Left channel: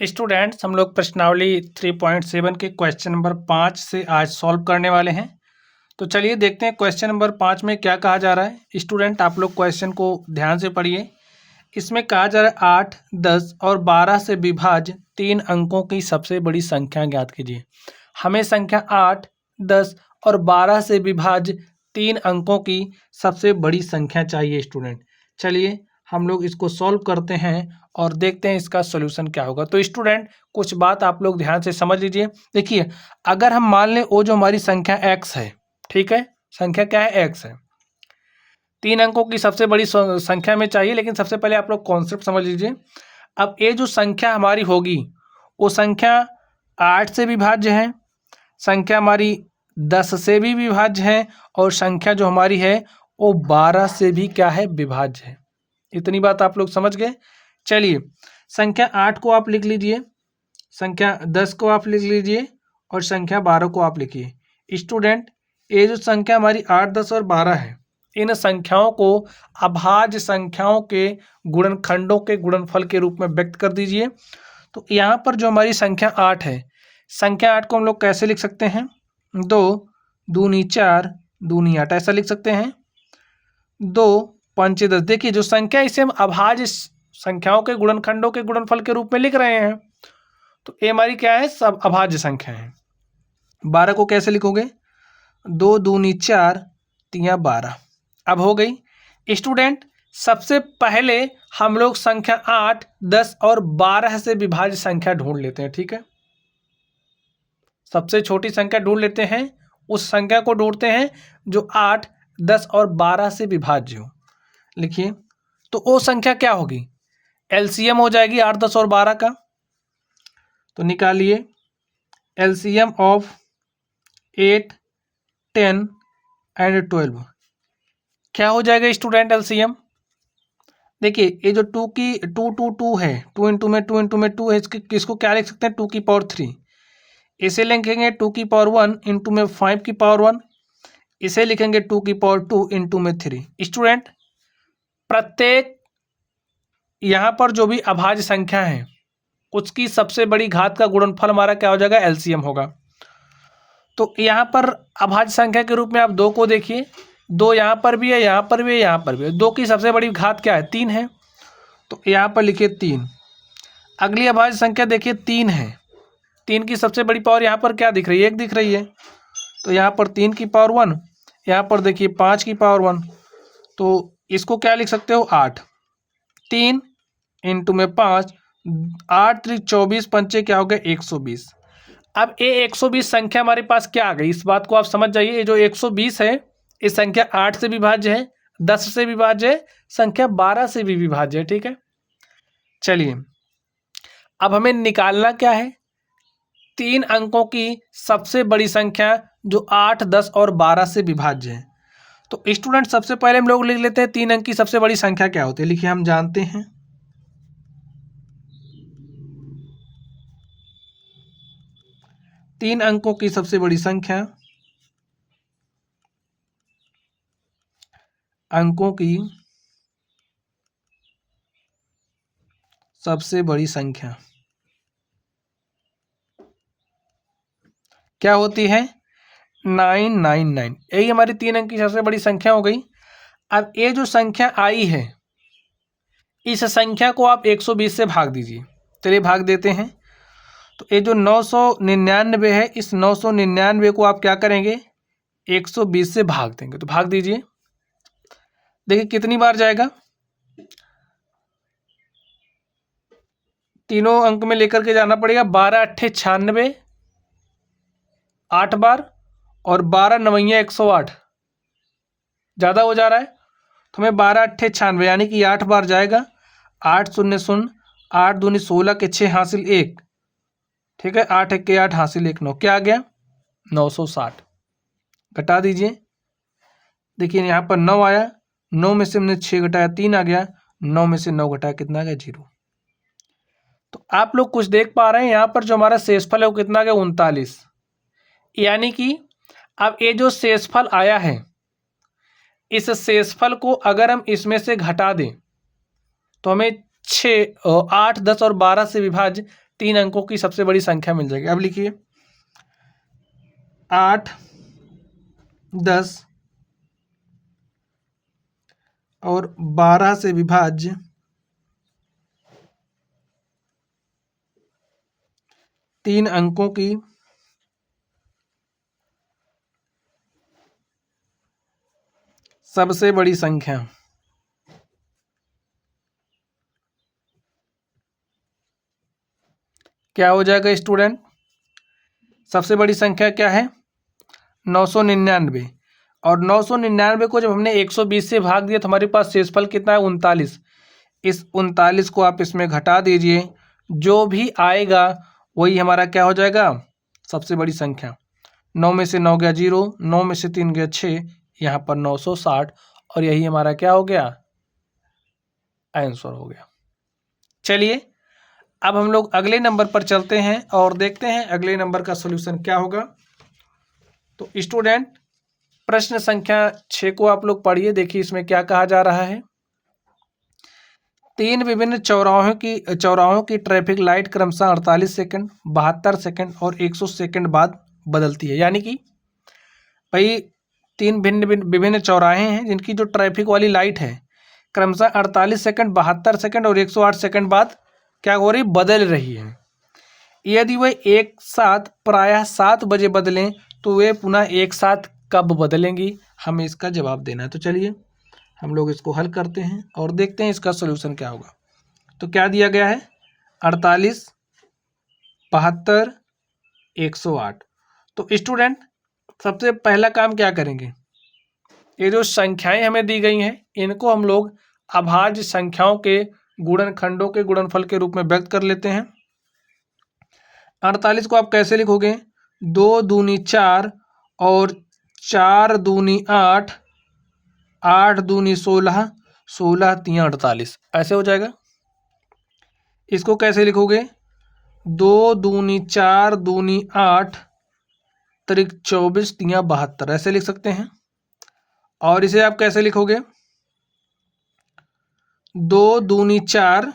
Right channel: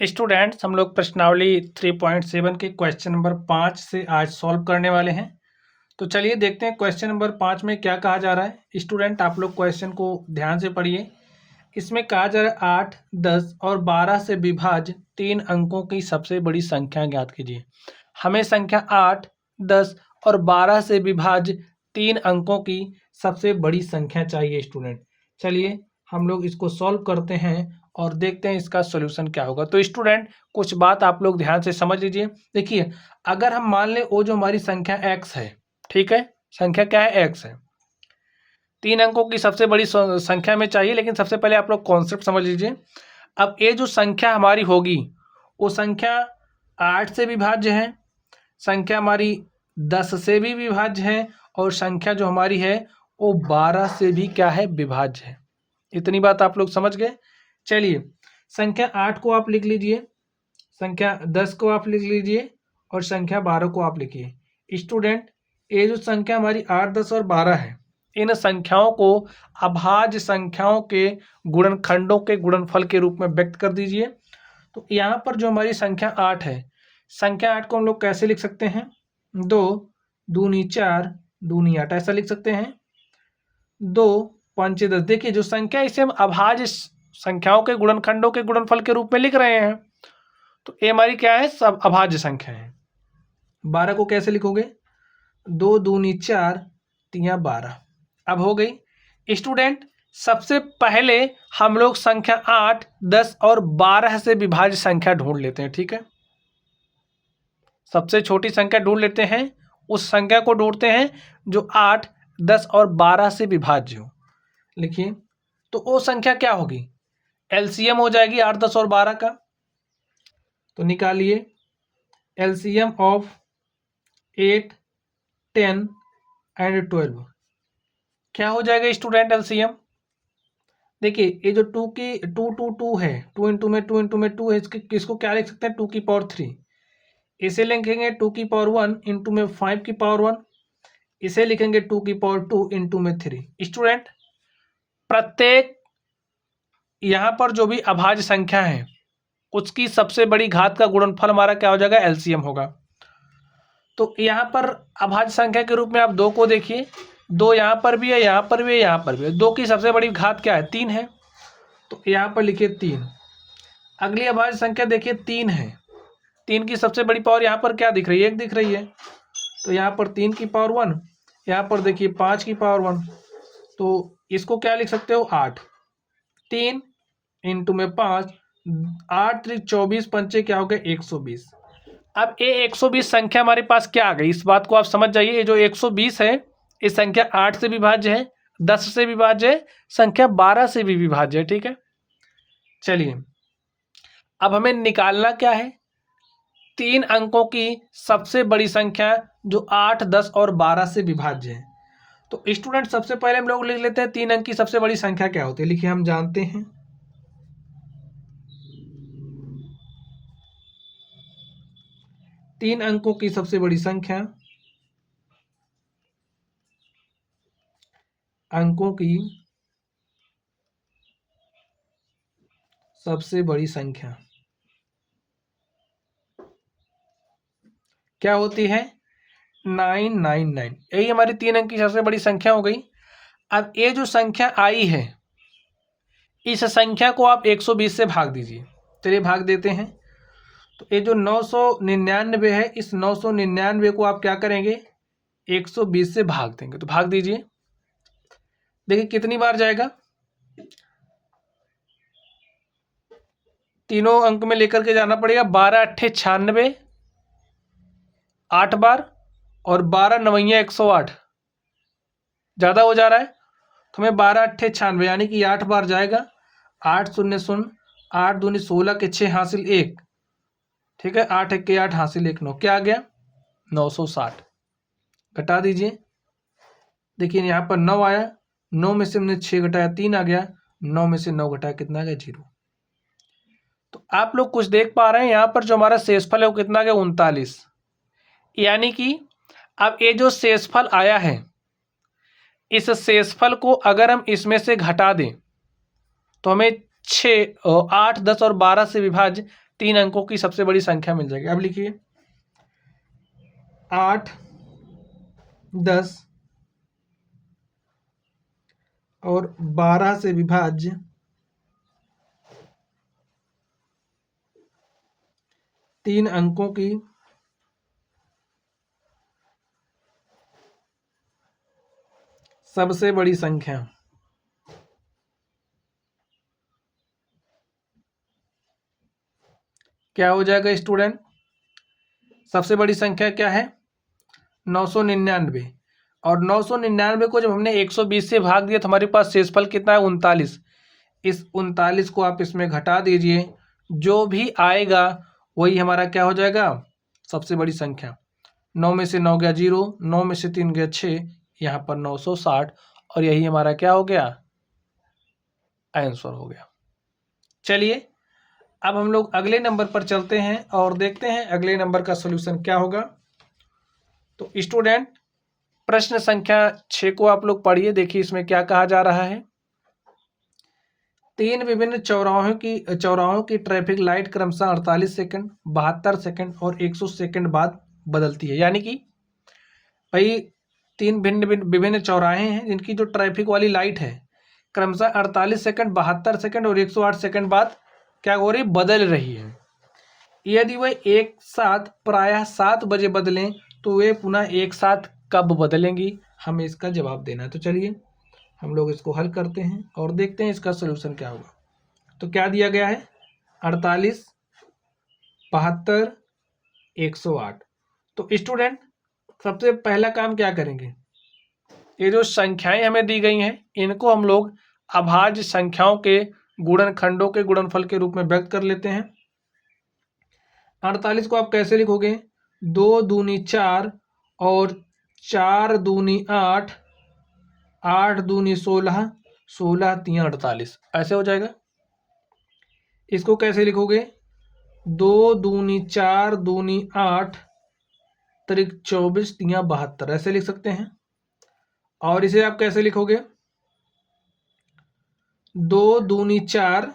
Students, हम लोग प्रश्नावली 3.7 के क्वेश्चन नंबर 5 से आज सॉल्व करने वाले हैं। तो चलिए देखते हैं क्वेश्चन नंबर 5 में क्या कहा जा रहा है। स्टूडेंट, आप लोग क्वेश्चन को ध्यान से पढ़िए। इसमें कहा जा रहा है 8, 10 और 12 से विभाज्य 3 अंकों की सबसे बड़ी संख्या ज्ञात कीजिए। हमें संख्या 8, 10 और 12 से विभाज्य 3 अंकों की सबसे बड़ी संख्या चाहिए। स्टूडेंट, चलिए हम लोग इसको सॉल्व करते हैं और देखते हैं इसका सॉल्यूशन क्या होगा। तो स्टूडेंट, कुछ बात आप लोग ध्यान से समझ लीजिए। देखिए, अगर हम मान लें वो जो हमारी संख्या x है, ठीक है, संख्या क्या है, x है, 3 अंकों की सबसे बड़ी संख्या में चाहिए। लेकिन सबसे पहले आप लोग कॉन्सेप्ट समझ लीजिए। अब ये जो संख्या हमारी होगी वो संख्या 8 से विभाज्य है, संख्या हमारी 10 से भी विभाज्य है और संख्या जो हमारी है वो 12 से भी क्या है, विभाज्य है। इतनी बात आप लोग समझ गए। चलिए, संख्या 8 को आप लिख लीजिए, संख्या 10 को आप लिख लीजिए और संख्या 12 को आप लिखिए। स्टूडेंट, ये जो संख्या हमारी 8, 10 और 12 है, इन संख्याओं को अभाज्य संख्याओं के गुणनखंडों के गुणनफल के रूप में व्यक्त कर दीजिए। तो यहाँ पर जो हमारी संख्या 8 है, संख्या 8 को हम लोग कैसे लिख सकते हैं, 2 दूनी 4 दूनी 8 ऐसा लिख सकते हैं। 2 पंचे 10। देखिए, जो संख्या इसे हम अभाज्य संख्याओं के गुणनखंडों के गुणनफल के रूप में लिख रहे हैं, तो ये हमारी क्या है, सब अभाज्य संख्या है। 12 को कैसे लिखोगे, 2 दूनी 4 तिया 12। अब हो गई। स्टूडेंट, सबसे पहले हम लोग संख्या 8, 10 और 12 से विभाज्य संख्या ढूंढ लेते हैं, ठीक है। सबसे छोटी संख्या ढूंढ लेते हैं, उस संख्या को ढूंढते हैं जो 8, 10 और 12 से विभाज्य हो। लिखिए, तो वो संख्या क्या होगी, एलसीएम हो जाएगी 8, 10 और 12 का। तो निकालिए एलसीएम ऑफ 8, 10 एंड 12। क्या हो जाएगा स्टूडेंट एलसीएम। देखिए, ये जो 2 की 2 2 2 है, 2 इंटू में 2 इंटू में 2 है, किसको क्या लिख सकते हैं, 2 की पावर 3। इसे लिखेंगे 2 की पावर 1 इंटू में 5 की पावर 1। इसे लिखेंगे 2 की पावर 2 इंटू में 3। स्टूडेंट, प्रत्येक यहाँ पर जो भी अभाज्य संख्या है उसकी सबसे बड़ी घात का गुणनफल हमारा क्या हो जाएगा, एलसीएम होगा। तो यहाँ पर अभाज्य संख्या के रूप में आप 2 को देखिए, 2 यहाँ पर भी है, यहाँ पर भी है, यहाँ पर भी है। 2 की सबसे बड़ी घात क्या है, 3 है, तो यहाँ पर लिखिए 3। अगली अभाज्य संख्या देखिए 3 है, 3 की सबसे बड़ी पावर यहाँ पर क्या दिख रही है, 1 दिख रही है। तो यहाँ पर 3 की पावर 1, यहाँ पर देखिए 5 की पावर 1। तो इसको क्या लिख सकते हो, 8। 3 इंटू में 5, 8 3 24 पंचे क्या हो गए, 120। अब ये 120 संख्या हमारे पास क्या आ गई, इस बात को आप समझ जाइए। ये जो 120 है, ये संख्या 8 से विभाज्य है, 10 से विभाज्य है, संख्या 12 से भी विभाज्य है, ठीक है। चलिए, अब हमें निकालना क्या है, 3 अंकों की सबसे बड़ी संख्या जो 8, 10 और 12 से विभाज्य है। तो स्टूडेंट, सबसे पहले हम लोग लिख लेते हैं 3 अंक की सबसे बड़ी संख्या क्या होती है। लिखिए, हम जानते हैं 3 अंकों की सबसे बड़ी संख्या, अंकों की सबसे बड़ी संख्या क्या होती है, 999। यही हमारी 3 अंक की सबसे बड़ी संख्या हो गई। अब ये जो संख्या आई है, इस संख्या को आप 120 से भाग दीजिए। चलिए भाग देते हैं। तो ये जो 999 है, इस 999 को आप क्या करेंगे, 120 से भाग देंगे। तो भाग दीजिए, देखिए कितनी बार जाएगा, तीनों अंक में लेकर के जाना पड़ेगा। 12 अट्ठे 96, 8 बार, और 12 नवैया 108, ज़्यादा हो जा रहा है। तो हमें 12 अट्ठे 96 यानी कि 8 बार जाएगा। 8 शून्य शून्य, 8 दूनी 16 के 6 हासिल 1, ठीक है। 8 1 के 8 हासिल 1 9, क्या आ गया, 960। घटा दीजिए, देखिए यहाँ पर 9 आया, 9 में से हमने 6 घटाया 3 आ गया, 9 में से 9 घटाया कितना आ गया, 0। तो आप लोग कुछ देख पा रहे हैं, यहाँ पर जो हमारा शेषफल है वो कितना आ गया, 39। यानी कि अब ये जो शेषफल आया है, इस शेषफल को अगर हम इसमें से घटा दें तो हमें 6, 8, 10 और 12 से विभाज्य 3 अंकों की सबसे बड़ी संख्या मिल जाएगी। अब लिखिए 8, 10 और 12 से विभाज्य 3 अंकों की सबसे बड़ी संख्या। क्या हो जाएगा स्टूडेंट? सबसे बड़ी संख्या क्या है? 999। और 999 को जब हमने 120 से भाग दिया तो हमारे पास शेषफल कितना है? 39। इस 39 को आप इसमें घटा दीजिए, जो भी आएगा वही हमारा क्या हो जाएगा? सबसे बड़ी संख्या। 9 में से 9 गया 0, 9 में से 3 गया 6, यहाँ पर 960, और यही हमारा क्या हो गया? आंसर हो गया। चलिए अब हम लोग अगले नंबर पर चलते हैं और देखते हैं अगले नंबर का सॉल्यूशन क्या होगा। तो स्टूडेंट प्रश्न संख्या 6 को आप लोग पढ़िए। देखिए इसमें क्या कहा जा रहा है। 3 विभिन्न चौराहों की ट्रैफिक लाइट क्रमशः 48 सेकंड, 72 सेकंड और 100 सेकंड बाद बदलती है। यानी कि भाई 3 विभिन्न चौराहे हैं जिनकी जो ट्रैफिक वाली लाइट है क्रमशः 48 सेकंड, 72 सेकंड और 108 सेकंड बाद क्या हो रही? बदल रही है। यदि वे एक साथ प्रायः 7 बजे बदलें तो वे पुनः एक साथ कब बदलेंगी? हमें इसका जवाब देना है। तो चलिए हम लोग इसको हल करते हैं और देखते हैं इसका सलूशन क्या होगा। तो क्या दिया गया है? 48, 72, 108। तो स्टूडेंट सबसे पहला काम क्या करेंगे? ये जो संख्याएं हमें दी गई हैं इनको हम लोग अभाज्य संख्याओं के गुणनखंडों के गुणनफल के रूप में व्यक्त कर लेते हैं। 48 को आप कैसे लिखोगे? 2 दूनी 4 और 4 दूनी 8, 8 दूनी 16, 16 तियाँ 48, ऐसे हो जाएगा। इसको कैसे लिखोगे? 2 दूनी 4 दूनी 8 त्रिक 24 तियाँ 72, ऐसे लिख सकते हैं। और इसे आप कैसे लिखोगे? 2 दूनी 4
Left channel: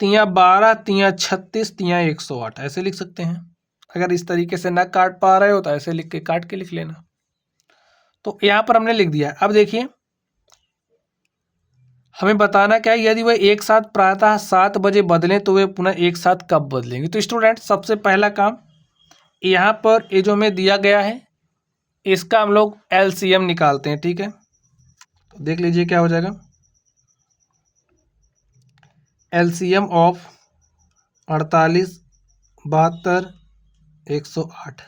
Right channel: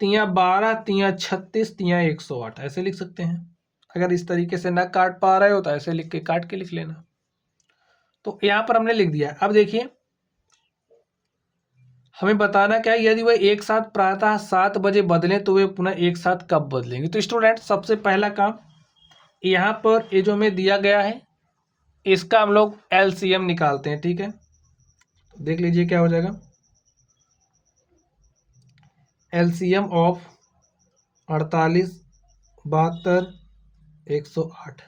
तियाँ 12 तियाँ 36 तियाँ 108, ऐसे लिख सकते हैं। अगर इस तरीके से ना काट पा रहे हो तो ऐसे लिख के काट के लिख लेना। तो यहाँ पर हमने लिख दिया। अब देखिए हमें बताना क्या है? यदि वह एक साथ प्रातः 7 बजे बदलें तो वे पुनः एक साथ कब बदलेंगे? तो स्टूडेंट सबसे पहला काम यहाँ पर ये जो हमें दिया गया है इसका हम लोग एलसीएम निकालते हैं। ठीक है, तो देख लीजिए क्या हो जाएगा। एलसीएम ऑफ 48, 72, 108,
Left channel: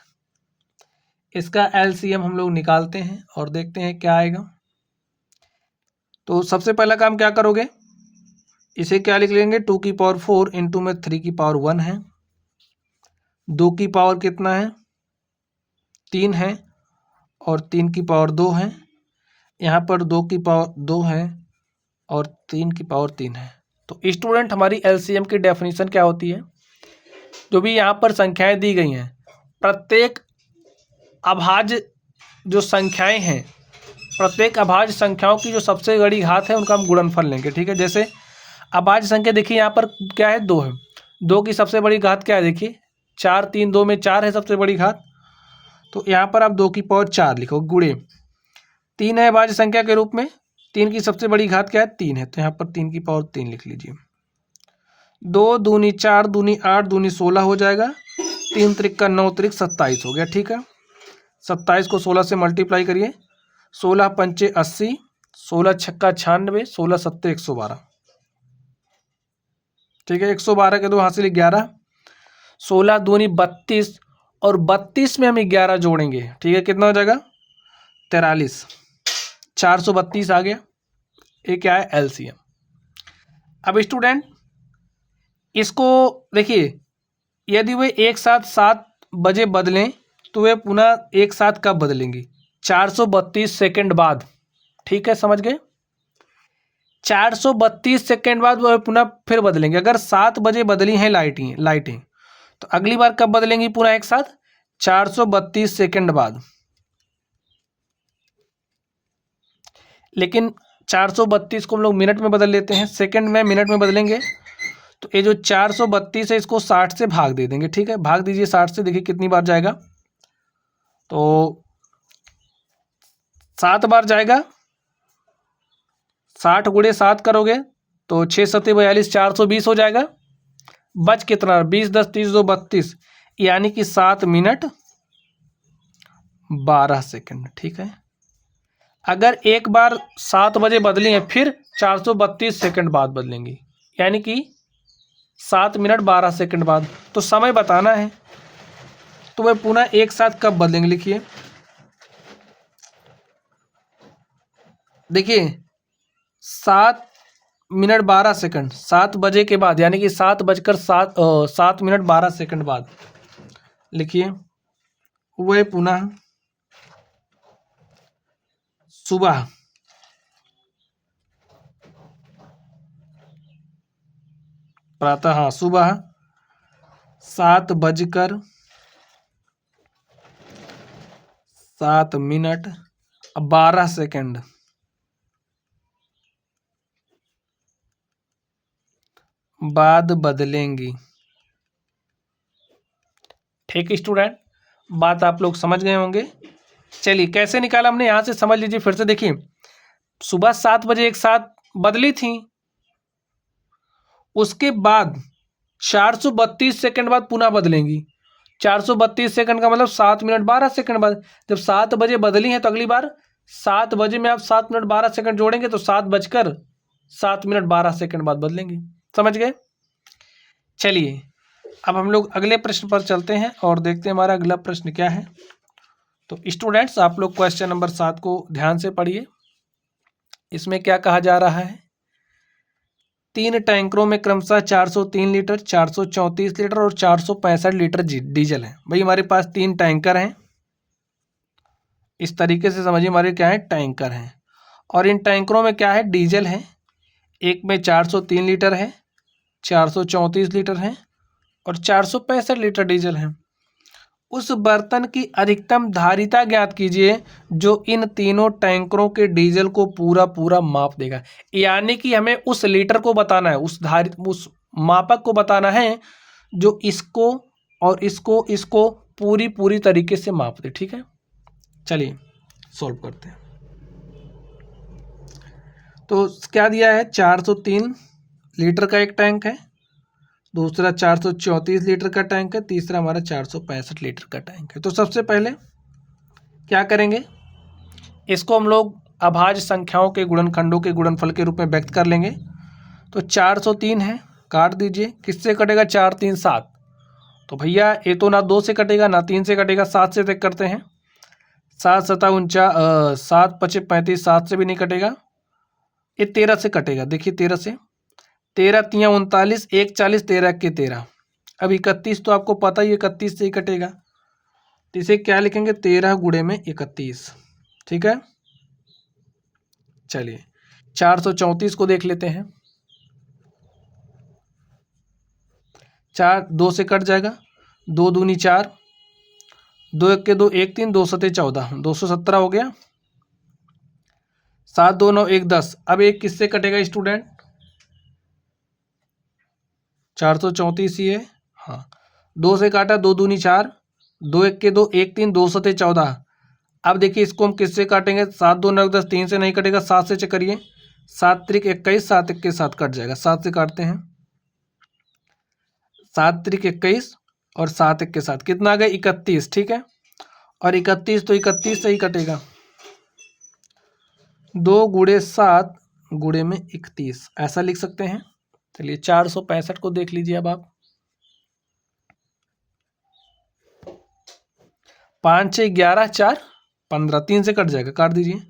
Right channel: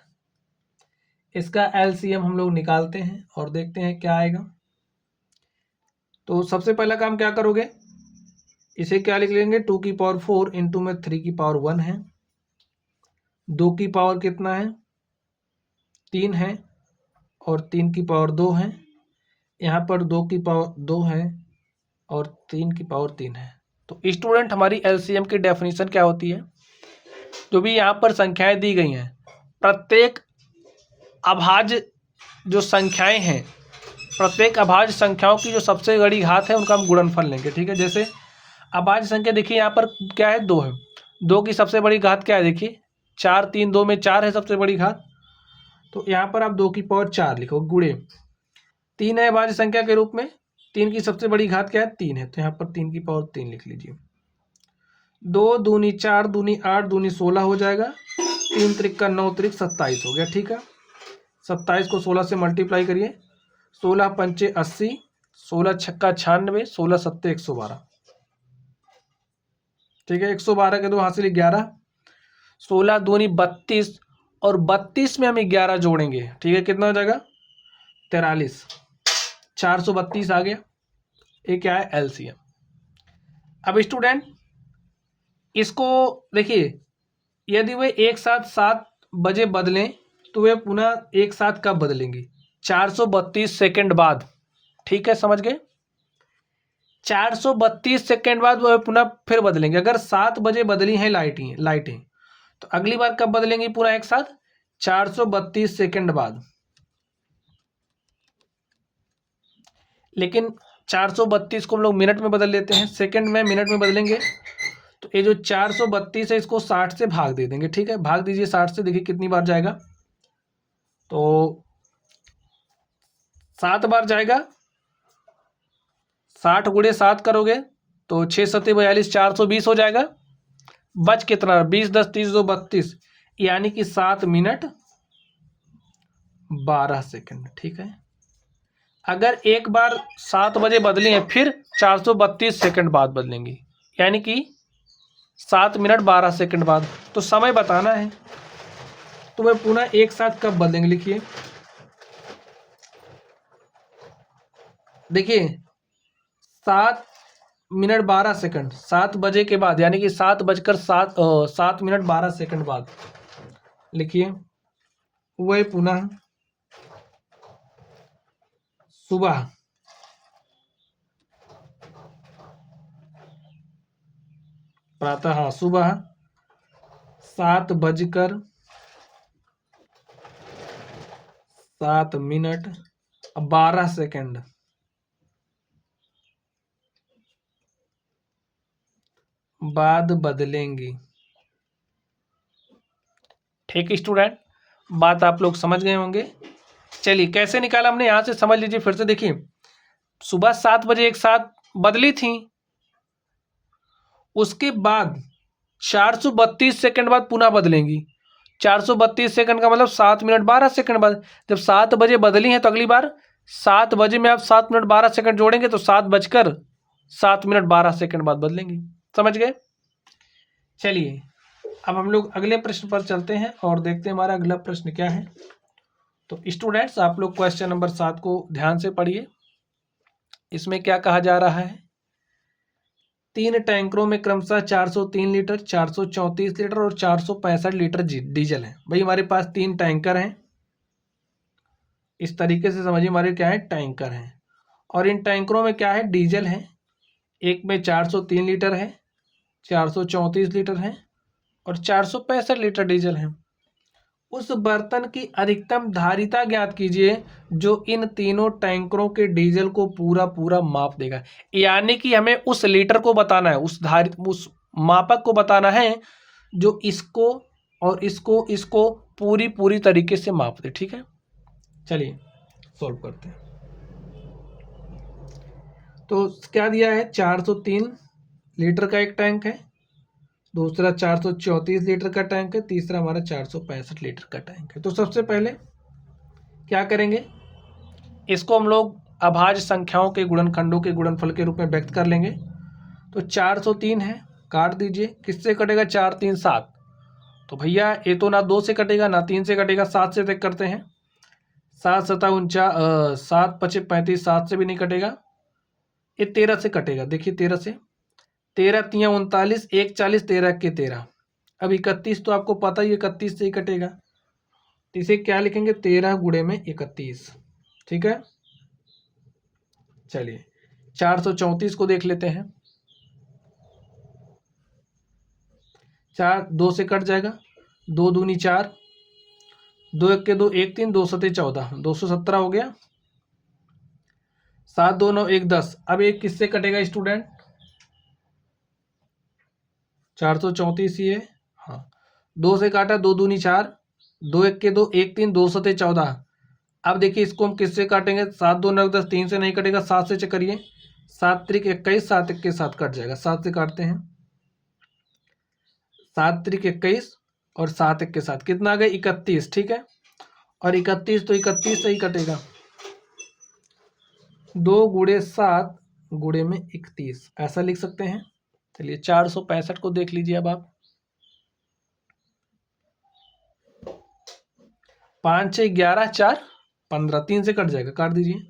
इसका एलसीएम हम लोग निकालते हैं और देखते हैं क्या आएगा। तो सबसे पहला काम क्या करोगे? इसे क्या लिख लेंगे? 2 की पावर 4 इंटू में 3 की पावर 1 है, 2 की पावर कितना है? 3 है, और 3 की पावर 2 है। यहाँ पर 2 की पावर 2 है और 3 की पावर 3 है। तो स्टूडेंट हमारी एलसीएम की डेफिनेशन क्या होती है? जो भी यहाँ पर संख्याएं दी गई हैं प्रत्येक अभाज्य जो संख्याएं हैं, प्रत्येक अभाज्य संख्याओं की जो सबसे बड़ी घात है उनका हम गुणनफल लेंगे। ठीक है, जैसे अभाज्य संख्या देखिए यहाँ पर क्या है? 2 है। 2 की सबसे बड़ी घात क्या है? देखिए 4, 3, 2 में 4 है सबसे बड़ी घात। तो यहाँ पर आप 2 की पावर 4 लिखो, गुणे 3 है अभाज्य संख्या के रूप में। 3 की सबसे बड़ी घात क्या है? 3 है, तो यहाँ पर 3 की पावर 3 लिख लीजिए। 2 दूनी 4 दूनी 8 दूनी 16 हो जाएगा। 3 त्रिक का 9 त्रिक 27 हो गया। ठीक है, 27 को 16 से मल्टीप्लाई करिए। 16 पंचे 80, 16 छक्का 96, 16 सत्ते 112। ठीक है, 112 के दो हासिल 11, 16 दूनी 32 और 32 में हम 11 जोड़ेंगे। ठीक है, कितना हो जाएगा? 43, 432 आ गया। ये क्या है? एलसीएम। अब स्टूडेंट इसको देखिए, यदि वे एक साथ 7 बजे बदलें तो वे पुनः एक साथ कब बदलेंगी? 432 सेकंड बाद। ठीक है, समझ गए? 432 सेकंड बाद वह पुनः फिर बदलेंगे। अगर 7 बजे बदली हैं लाइटें तो अगली बार कब बदलेंगी पुनः एक साथ? 432 सेकंड बाद। लेकिन 432 को हम लोग मिनट में बदल लेते हैं, सेकंड में मिनट में बदलेंगे तो ये जो 432 है इसको 60 से भाग दे देंगे, ठीक है। भाग दीजिए 60 से, देखिए कितनी बार जाएगा। तो 7 बार जाएगा। 60 गुणे 7 करोगे तो 6 सत्ते 42, 420 हो जाएगा। बच कितना, 20 10 30 2 32, यानी कि 7 मिनट 12 सेकंड, ठीक है। अगर एक बार 7 बजे बदली है फिर 432 सेकंड बाद बदलेंगी, यानी कि 7 मिनट 12 सेकंड बाद। तो समय बताना है तो वह पुनः एक साथ कब बदलेंगे, लिखिए। देखिए 7 मिनट 12 सेकंड 7 बजे के बाद, यानी कि 7 मिनट 12 सेकंड बाद लिखिए। वह पुनः सुबह प्रातः, हाँ सुबह 7:07 बाद बदलेंगी, ठीक स्टूडेंट। बात आप लोग समझ गए होंगे। चलिए कैसे निकाला हमने, यहां से समझ लीजिए फिर से। देखिए सुबह 7 बजे एक साथ बदली थी, उसके बाद 432 सेकंड बाद पुनः बदलेंगी। 432 सेकंड का मतलब 7 मिनट 12 सेकंड बाद। जब 7 बजे बदली है तो अगली बार 7 बजे में आप 7 मिनट 12 सेकंड जोड़ेंगे तो 7 मिनट 12 सेकंड बाद बदलेंगे। समझ गए। चलिए अब हम लोग अगले प्रश्न पर चलते हैं और देखते हैं हमारा अगला प्रश्न क्या है। तो स्टूडेंट्स आप लोग क्वेश्चन नंबर 7 को ध्यान से पढ़िए। इसमें क्या कहा जा रहा है, 3 टैंकरों में क्रमशः 403 लीटर, 434 लीटर और 465 लीटर डीजल है। भाई हमारे पास 3 टैंकर हैं, इस तरीके से समझिए। हमारे क्या है, टैंकर हैं, और इन टैंकरों में क्या है, डीजल है। एक में 403 लीटर है, 434 लीटर है और 465 लीटर डीजल है। उस बर्तन की अधिकतम धारिता ज्ञात कीजिए जो इन तीनों टैंकरों के डीजल को पूरा पूरा माप देगा। यानी कि हमें उस लीटर को बताना है, उस मापक को बताना है जो इसको और इसको पूरी पूरी तरीके से माप दे, ठीक है। चलिए सॉल्व करते हैं। तो क्या दिया है, 403 लीटर का एक टैंक है, दूसरा 434 लीटर का टैंक है, तीसरा हमारा 465 लीटर का टैंक है। तो सबसे पहले क्या करेंगे, इसको हम लोग अभाज्य संख्याओं के गुणनखंडों के गुणनफल के रूप में व्यक्त कर लेंगे। तो 403 है, काट दीजिए, किससे कटेगा, 4 3 7। तो भैया ये तो ना 2 से कटेगा ना 3 से कटेगा, 7 से तय करते हैं। 7 7 7 5 35, 7 से भी नहीं कटेगा। ये 13 से कटेगा, देखिए 13 से, 13 3 39, 1 40, 13 के 13। अब 31 तो आपको पता ही 31 से ही कटेगा, तो इसे क्या लिखेंगे, 13 गुणे में 31, ठीक है। चलिए 434 को देख लेते हैं। 4 2 से कट जाएगा, 2 दूनी 4, 2 1 के 2 1 3, 2 सते 14, 217 हो गया। 7 2 9 1 10। अब एक किससे कटेगा स्टूडेंट, 434 ही है, हाँ। 2 से काटा, 2 दूनी 4, 2 1 के 2 1 3, 2 सते 14। अब देखिए इसको हम किससे काटेंगे, 7 2 9 10, 3 से नहीं कटेगा, 7 से चकरिए, 7 त्रिक 21, 7 1 के 7 कट जाएगा, 7 से काटते हैं, 7 त्रिक 21 और 7 1 के 7 कितना आ गया, 31, ठीक है। और 31 तो 31 से ही कटेगा, 2 गुणे 7 गुणे में 31, ऐसा लिख सकते हैं। चलिए 465 को देख लीजिए। अब आप 5 6 11 4 15, 3 से कट जाएगा, काट दीजिए,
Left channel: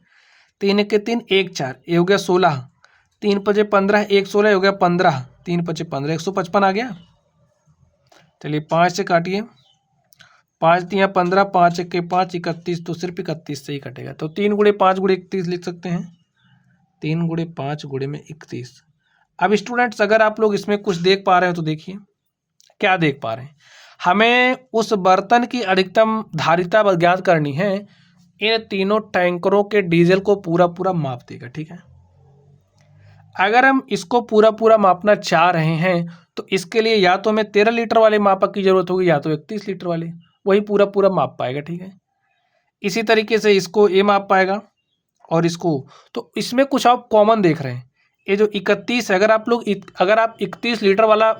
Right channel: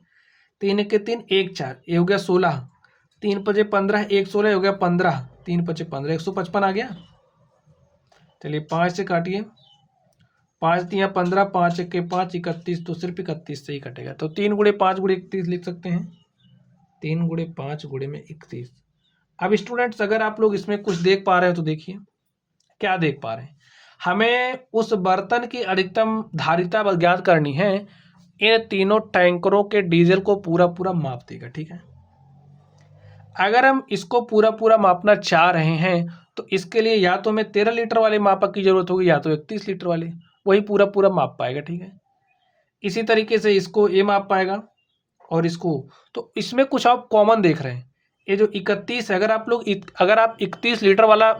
3 1 के 3 1 4, ये हो गया 16, 3 5 15, 1 16 हो गया 15, 3 5 15, 155 आ गया। चलिए 5 से काटिए, 5 3 15, 5 1 के 5 31, तो सिर्फ 31 से ही कटेगा। तो 3 गुणे 5 गुणे 31 लिख सकते हैं, 3 गुणे 5 गुणे में 31। अब स्टूडेंट्स अगर आप लोग इसमें कुछ देख पा रहे हैं तो देखिए क्या देख पा रहे हैं, हमें उस बर्तन की अधिकतम धारिता ज्ञात करनी है। इन तीनों टैंकरों के डीजल को पूरा पूरा माप देगा, ठीक है। अगर हम इसको पूरा पूरा मापना चाह रहे हैं तो इसके लिए या तो हमें 13 लीटर वाले मापक की ज़रूरत होगी या तो 31 लीटर वाले, वही पूरा पूरा माप पाएगा। ठीक है, इसी तरीके से इसको ये माप पाएगा और इसको, तो इसमें कुछ आप कॉमन देख रहे हैं। ये जो 31 है, अगर आप 31 लीटर वाला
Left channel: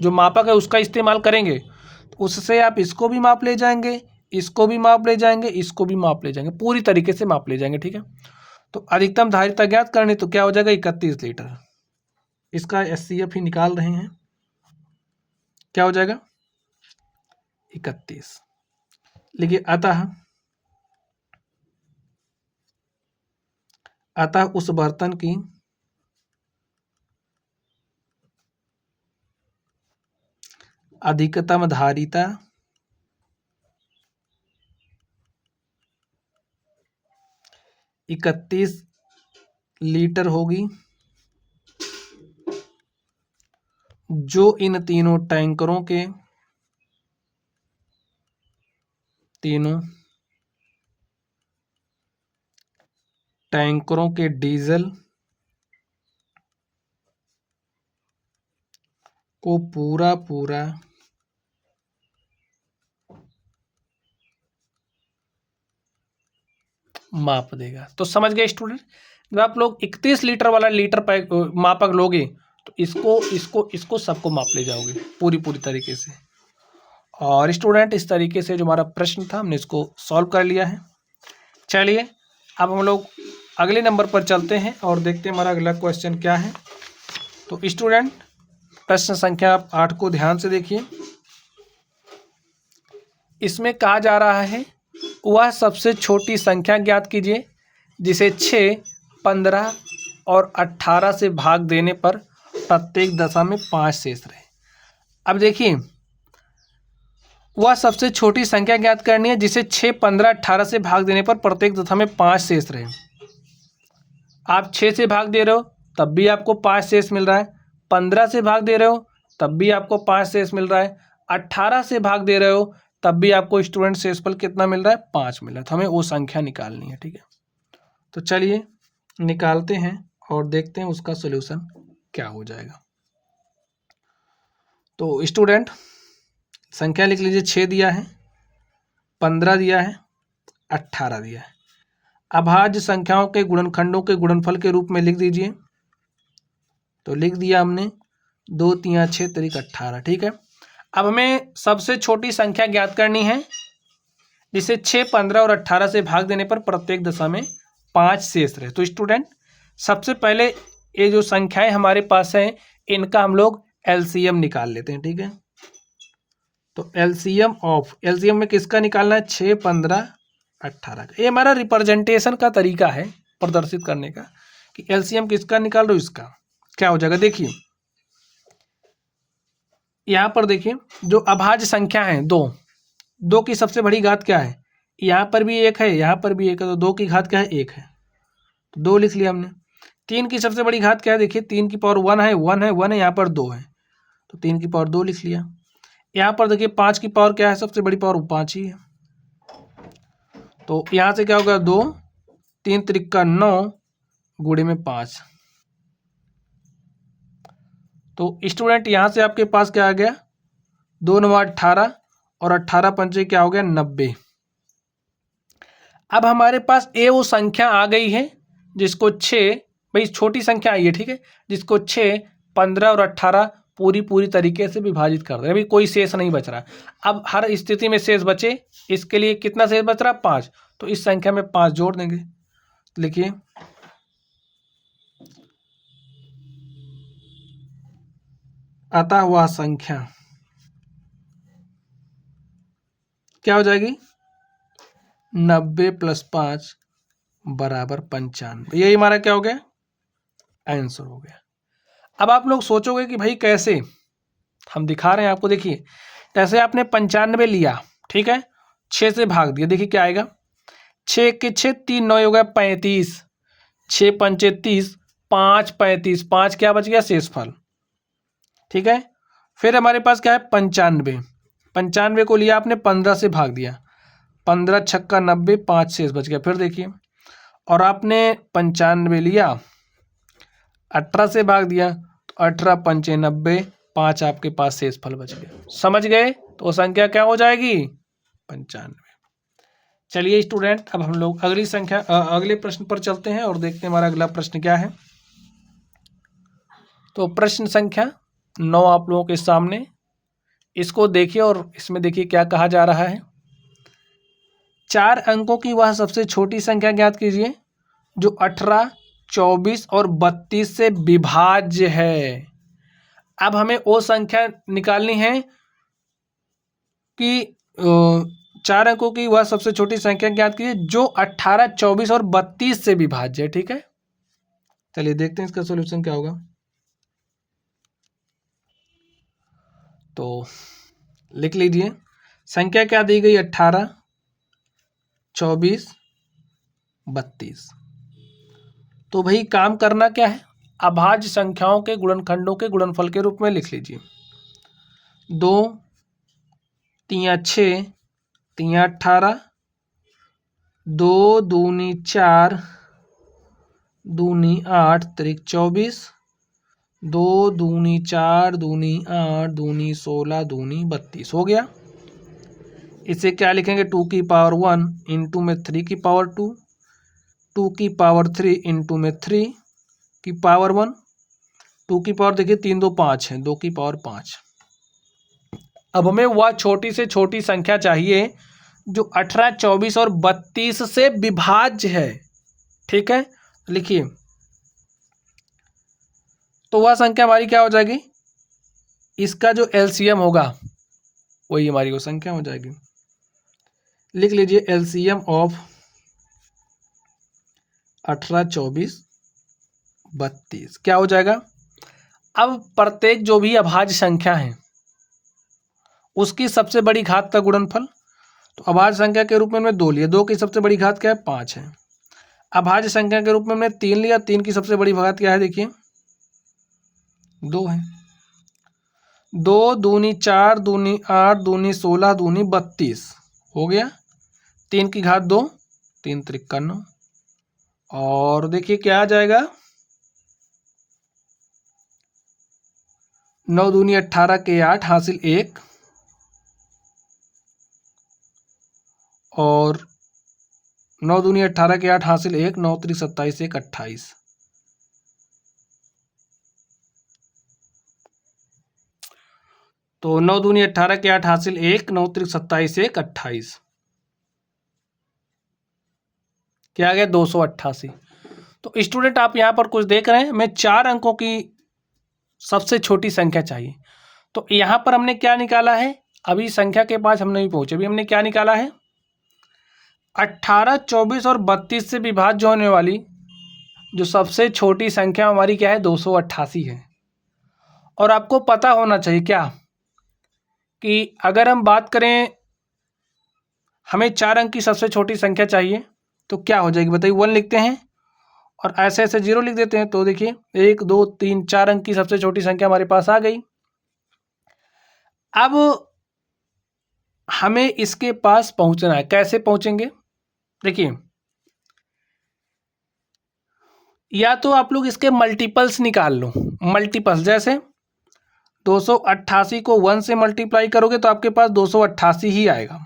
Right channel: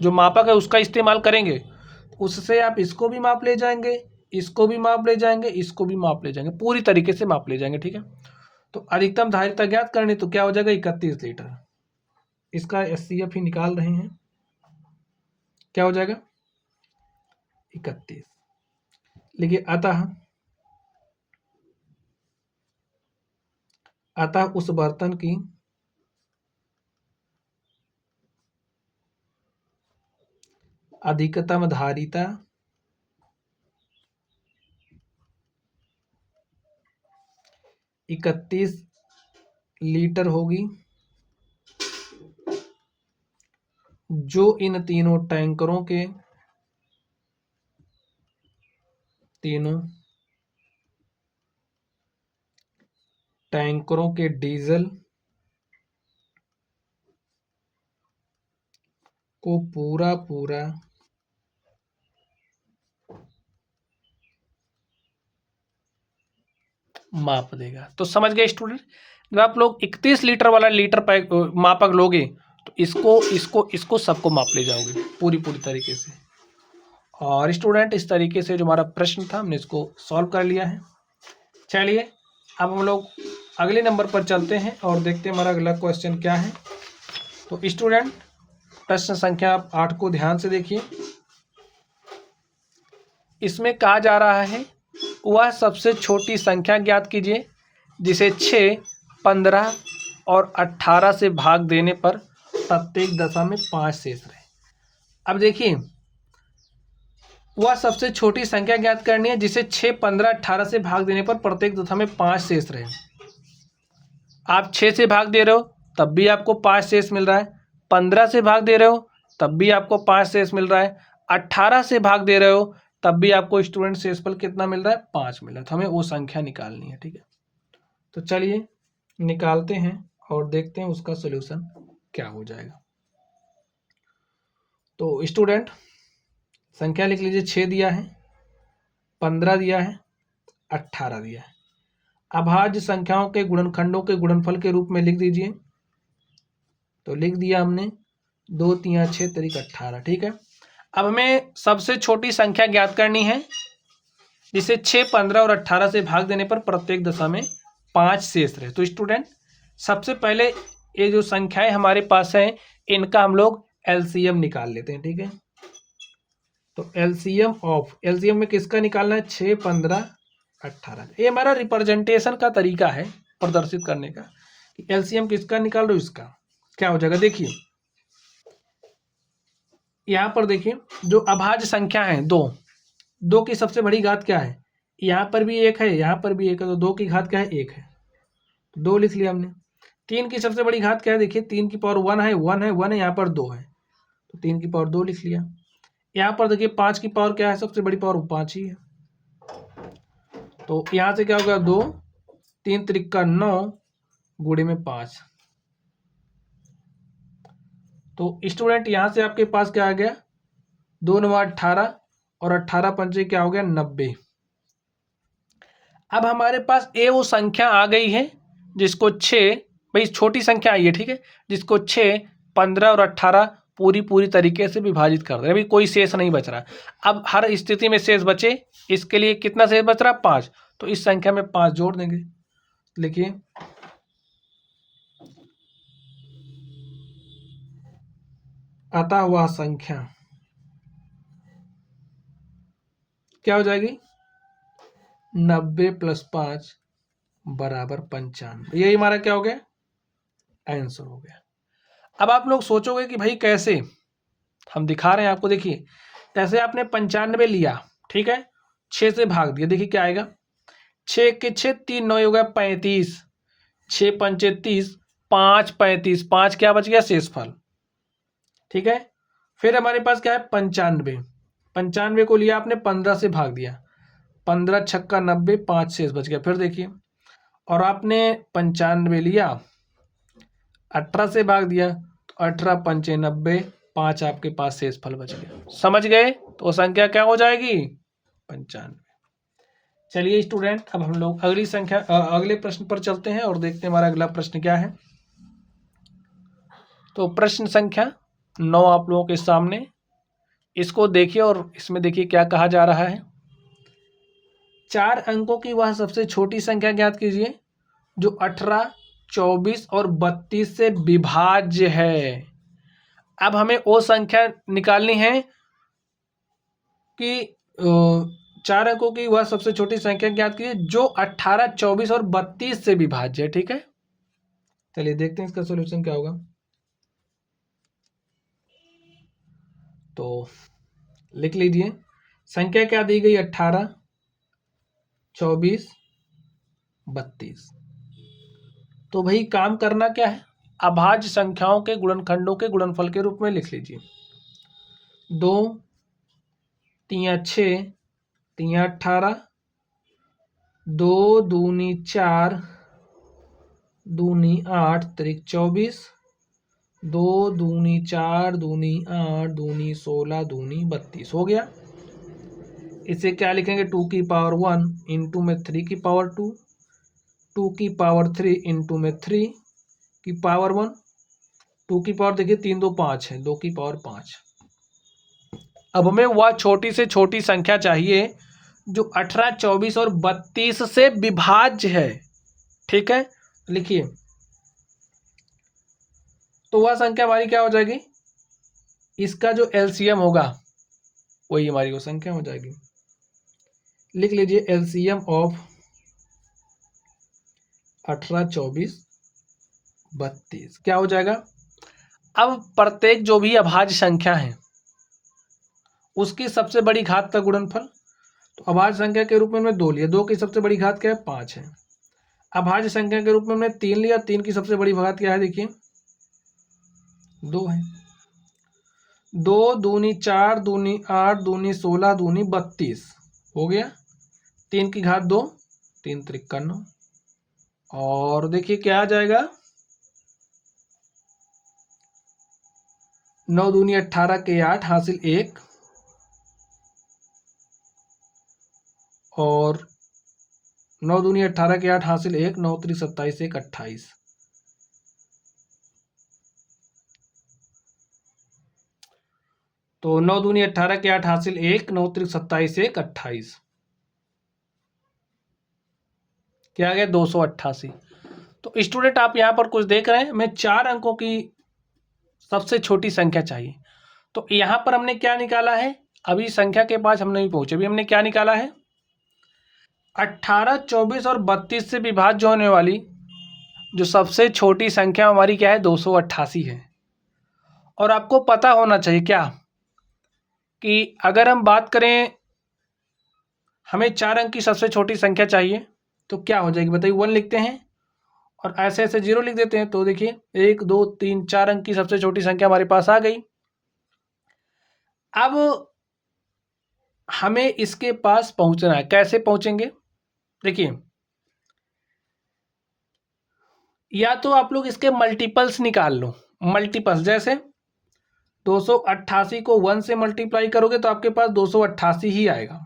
जो मापक है उसका इस्तेमाल करेंगे तो उससे आप इसको भी माप ले जाएंगे, इसको भी माप ले जाएंगे, इसको भी माप ले जाएंगे, पूरी तरीके से माप ले जाएंगे। ठीक है, तो अधिकतम धारिता ज्ञात करनी, तो क्या हो जाएगा 31 लीटर। इसका SCF ही निकाल रहे हैं, क्या हो जाएगा 31। लिखिए अतः उस बर्तन की अधिकतम धारिता 31 लीटर होगी, जो इन तीनों टैंकरों के डीजल को पूरा पूरा माप देगा। तो समझ गए स्टूडेंट, जब आप लोग 31 लीटर वाला लीटर पैक मापक लोगे तो इसको सबको माप ले जाओगे पूरी तरीके से। और स्टूडेंट इस तरीके से जो हमारा प्रश्न था हमने इसको सॉल्व कर लिया है। चलिए अब हम लोग अगले नंबर पर चलते हैं और देखते हैं हमारा अगला क्वेश्चन क्या है। तो स्टूडेंट प्रश्न संख्या 8 को ध्यान से देखिए। इसमें कहा जा रहा है वह सबसे छोटी संख्या ज्ञात कीजिए जिसे 6, 15 और 18 से भाग देने पर प्रत्येक दशा में 5 शेष रहे। अब देखिए, वह सबसे छोटी संख्या ज्ञात करनी है जिसे 6, 15, 18 से भाग देने पर प्रत्येक दशा में 5 शेष रहे। आप 6 से भाग दे रहे हो तब भी आपको 5 शेष मिल रहा है, 15 से भाग दे रहे हो तब भी आपको 5 शेष मिल रहा है, 18 से भाग दे रहे हो तब भी आपको स्टूडेंट शेषफल कितना मिल रहा है, 5 मिल रहा है। तो हमें वो संख्या निकालनी है। ठीक है, तो चलिए निकालते हैं और देखते हैं उसका सॉल्यूशन क्या हो जाएगा। तो स्टूडेंट संख्या लिख लीजिए, 6 दिया है, 15 दिया है, 18 दिया है। अभाज्य संख्याओं के गुणनखंडों के गुणनफल के रूप में लिख दीजिए। तो लिख दिया हमने, 2 3 6 तरीक 18। ठीक है, अब हमें सबसे छोटी संख्या ज्ञात करनी है जिसे 6, 15 और 18 से भाग देने पर प्रत्येक दशा में 5 शेष रहे। तो स्टूडेंट सबसे पहले ये जो संख्याएं हमारे पास हैं इनका हम लोग LCM निकाल लेते हैं। ठीक है, तो LCM में किसका निकालना है, 6, 15, 18 का। ये हमारा रिप्रेजेंटेशन का तरीका है प्रदर्शित करने का कि LCM किसका निकाल लो, इसका क्या हो जाएगा। देखिए यहाँ पर देखिए, जो अभाज्य संख्या है 2 की सबसे बड़ी घात क्या है, यहाँ पर भी 1 है, यहाँ पर भी 1 है, तो 2 की घात क्या है, 1 है, तो 2 लिख लिया हमने। 3 की सबसे बड़ी घात क्या है, देखिए 3 की पावर 1 है, 1 है, 1 है, यहाँ पर 2 है, तो 3 की पावर 2 लिख लिया। यहाँ पर देखिए 5 की पावर क्या है, सबसे बड़ी पावर 5 ही है, तो यहाँ से क्या होगा, 2, 3 त्रिक 9 गुणे में 5। तो स्टूडेंट यहाँ से आपके पास क्या आ गया, 2 9 18 और 18 पंचे क्या हो गया, 90। अब हमारे पास वो संख्या आ गई है जिसको 6, भाई छोटी संख्या आई है, ठीक है, जिसको 6, 15 और 18 पूरी तरीके से विभाजित कर रहे हैं। अभी कोई शेष नहीं बच रहा। अब हर स्थिति में शेष बचे, इसके लिए कितना शेष बच रहा, 5, तो इस संख्या में 5 जोड़ देंगे। लिखिए अतः वह संख्या क्या हो जाएगी, 90 + 5 बराबर 95। यही हमारा क्या हो गया, आंसर हो गया। अब आप लोग सोचोगे कि भाई कैसे, हम दिखा रहे हैं आपको। देखिए कैसे, आपने 95 लिया, ठीक है, 6 से भाग दिया, देखिए क्या आएगा, 6 के 6 3 9 हो गया 35, 6 पंचे 30, 5 35, 5 क्या बच गया, शेषफल। ठीक है, फिर हमारे पास क्या है, 95 को लिया आपने, 15 से भाग दिया, 15 छक्का 90, 5 शेष बच गया। फिर देखिए, और आपने 95 लिया, 18 से भाग दिया, तो 18 पंचे 90, 5 आपके पास शेष फल बच गए। समझ गए? तो वो संख्या क्या हो जाएगी? 95। चलिए स्टूडेंट, अब हम लोग अगले प्रश्न पर चलते हैं और देखते हैं हमारा अगला प्रश्न क्या है। तो प्रश्न संख्या 9 आप लोगों के सामने, इसको देखिए और इसमें देखिए क्या कहा जा रहा है। 4 अंकों की वह सबसे छोटी संख्या ज्ञात कीजिए जो 18, 24 और 32 से विभाज्य है। अब हमें वो संख्या निकालनी है कि 4 अंकों की वह सबसे छोटी संख्या ज्ञात कीजिए जो 18, 24 और 32 से विभाज्य है। ठीक है, चलिए देखते हैं इसका सॉल्यूशन क्या होगा। तो लिख लीजिए, संख्या क्या दी गई? 18, 24, 32। तो भाई काम करना क्या है? अभाज्य संख्याओं के गुणनखंडों के गुणनफल के रूप में लिख लीजिए। 2 3 6 3 18, 2 दूनी 4 दूनी 8 त्रिक 24, 2 दूनी 4 दूनी 8 दूनी 16 दूनी 32 हो गया। इसे क्या लिखेंगे? 2 की पावर 1 इंटू में 3 की पावर 2, 2 की पावर 3 इंटू में 3 की पावर 1, 2 की पावर देखिए 3 2 5 है, 2 की पावर 5। अब हमें वह छोटी से छोटी संख्या चाहिए जो 18, 24 और 32 से विभाज्य है। ठीक है, लिखिए। तो वह संख्या हमारी क्या हो जाएगी? इसका जो एलसीएम होगा वही हमारी वो संख्या हो जाएगी। लिख लीजिए एलसीएम ऑफ 18, 24, 32 क्या हो जाएगा? अब प्रत्येक जो भी अभाज्य संख्या है उसकी सबसे बड़ी घात का गुणनफल, तो अभाज्य संख्या के रूप में हमने 2 लिया, 2 की सबसे बड़ी घात क्या है? 5 है। अभाज्य संख्या के रूप में हमने 3 लिया, 3 की सबसे बड़ी घात क्या है? देखिए 2 है। 2 दूनी 4 दूनी 8 दूनी 16 दूनी 32 हो गया। 3 की घात 2, 3 त्रिक 9। और देखिए क्या आ जाएगा? 9 दूनी 18 के 8 हासिल 1, और 9 दूनी 18 के 8 हासिल 1, 9 त्रिक 27 1 28। तो 9 दूनी 18 के 8 हासिल 1, 9 त्रिक 27 1 28 क्या आ गया? 288। तो स्टूडेंट आप यहाँ पर कुछ देख रहे हैं, मैं 4 अंकों की सबसे छोटी संख्या चाहिए। तो यहाँ पर हमने क्या निकाला है? अभी संख्या के पास हम नहीं पहुँचे, अभी हमने क्या निकाला है? 18, 24 और 32 से विभाज्य होने वाली जो सबसे छोटी संख्या हमारी क्या है? 288 है। और आपको पता होना चाहिए क्या कि अगर हम बात करें हमें 4 अंक की सबसे छोटी संख्या चाहिए तो क्या हो जाएगी बताइए? 1 लिखते हैं और ऐसे ऐसे 0 लिख देते हैं। तो देखिए 1 2 3 4 अंक की सबसे छोटी संख्या हमारे पास आ गई। अब हमें इसके पास पहुंचना है, कैसे पहुंचेंगे? देखिए, या तो आप लोग इसके मल्टीपल्स निकाल लो। मल्टीपल्स जैसे 288 को 1 से मल्टीप्लाई करोगे तो आपके पास 288 ही आएगा।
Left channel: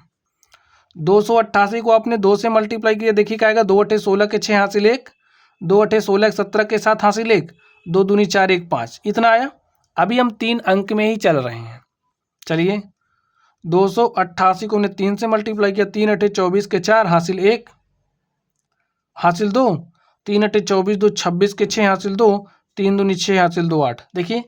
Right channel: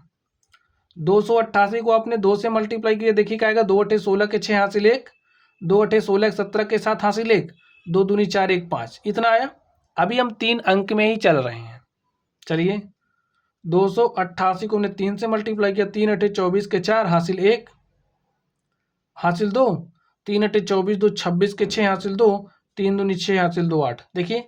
288 को आपने 2 से मल्टीप्लाई किया, देखिए क्या आएगा? 2 अठे 16 के 6 हासिल 1, 2 अठे 16 17 के 7 हासिल 1, 2 दूनी 4 1 5, इतना आया। अभी हम 3 अंक में ही चल रहे हैं। चलिए 288 को हमने 3 से मल्टीप्लाई किया, 3 अठे 24 के 4 हासिल 1 हासिल 2, 3 अठे 24 2 26 के 6 हासिल 2, 3 दूनी 6 हासिल 2 8। देखिए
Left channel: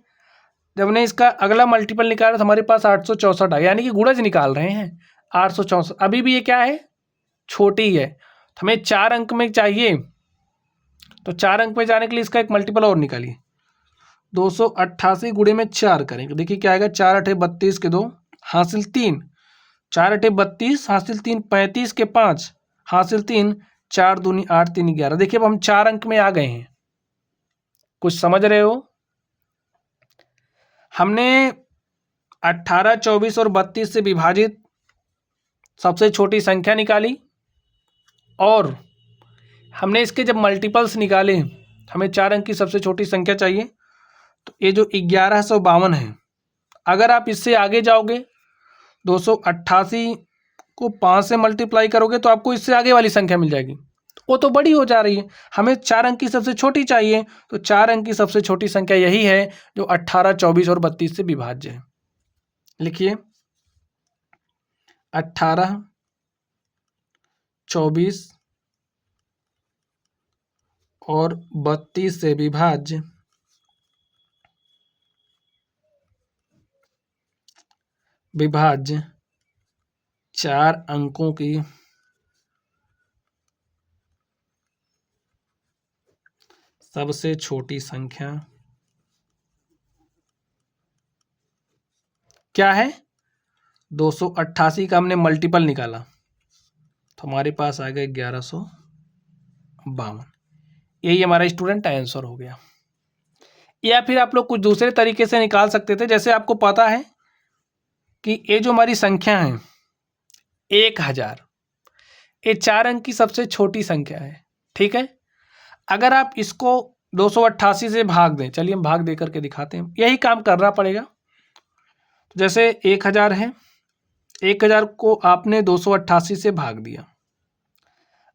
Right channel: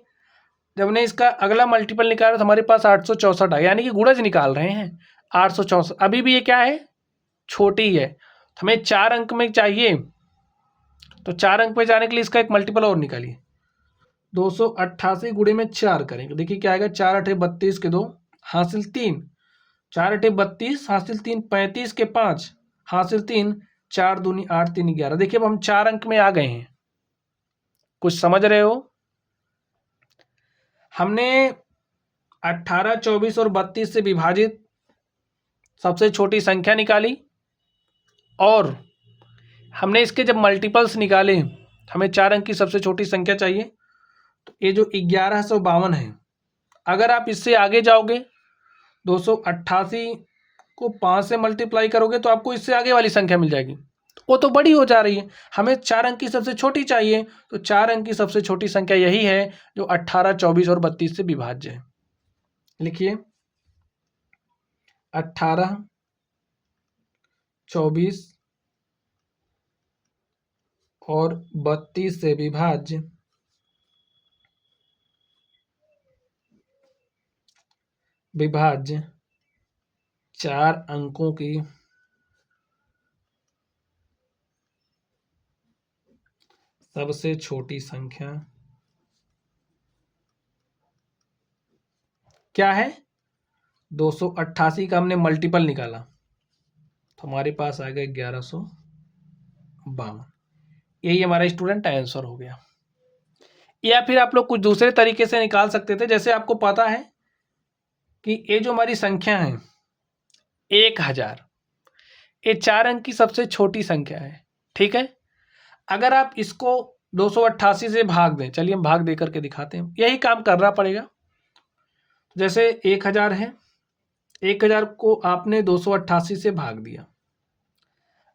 जब हमने इसका अगला मल्टीपल निकाला तो हमारे पास 864 आया, यानी कि गुणज निकाल रहे हैं 864। अभी भी ये क्या है? छोटी है। तो हमें 4 अंक में चाहिए, तो 4 अंक में जाने के लिए इसका एक मल्टीपल और निकालिए। 288 गुणे में 4 करेंगे, देखिए क्या आएगा? 4 अठे 32 के 2 हासिल 3, 4 अठे 32 हासिल 3, 35 के 5 हासिल 3, 4 दूनी 8 3 11। देखिए अब हम 4 अंक में आ गए हैं। कुछ समझ रहे हो? हमने 18, 24 और 32 से विभाजित सबसे छोटी संख्या निकाली और हमने इसके जब मल्टीपल्स निकाले, हमें 4 अंक की सबसे छोटी संख्या चाहिए। तो ये जो 1152 है अगर आप इससे आगे जाओगे 288 को 5 से मल्टीप्लाई करोगे तो आपको इससे आगे वाली संख्या मिल जाएगी। वो तो बड़ी हो जा रही है, हमें 4 अंक की सबसे छोटी चाहिए, तो 4 अंक की सबसे छोटी संख्या यही है जो 18, 24 और 32 से विभाज्य है। लिखिए 18, 24 और 32 से विभाज्य विभाज्य 4 अंकों की सबसे छोटी संख्या क्या है? 288 का हमने मल्टीपल निकाला तो हमारे पास आ गया 1152। यही हमारा स्टूडेंट आंसर हो गया। या फिर आप लोग कुछ दूसरे तरीके से निकाल सकते थे। जैसे आपको पता है कि ये जो हमारी संख्या है 1000, ये 4 अंक की सबसे छोटी संख्या है, ठीक है। अगर आप इसको 288 से भाग दें, चलिए हम भाग दे करके दिखाते हैं, यही काम करना पड़ेगा। जैसे 1000 है, 1000 को आपने 288 से भाग दिया।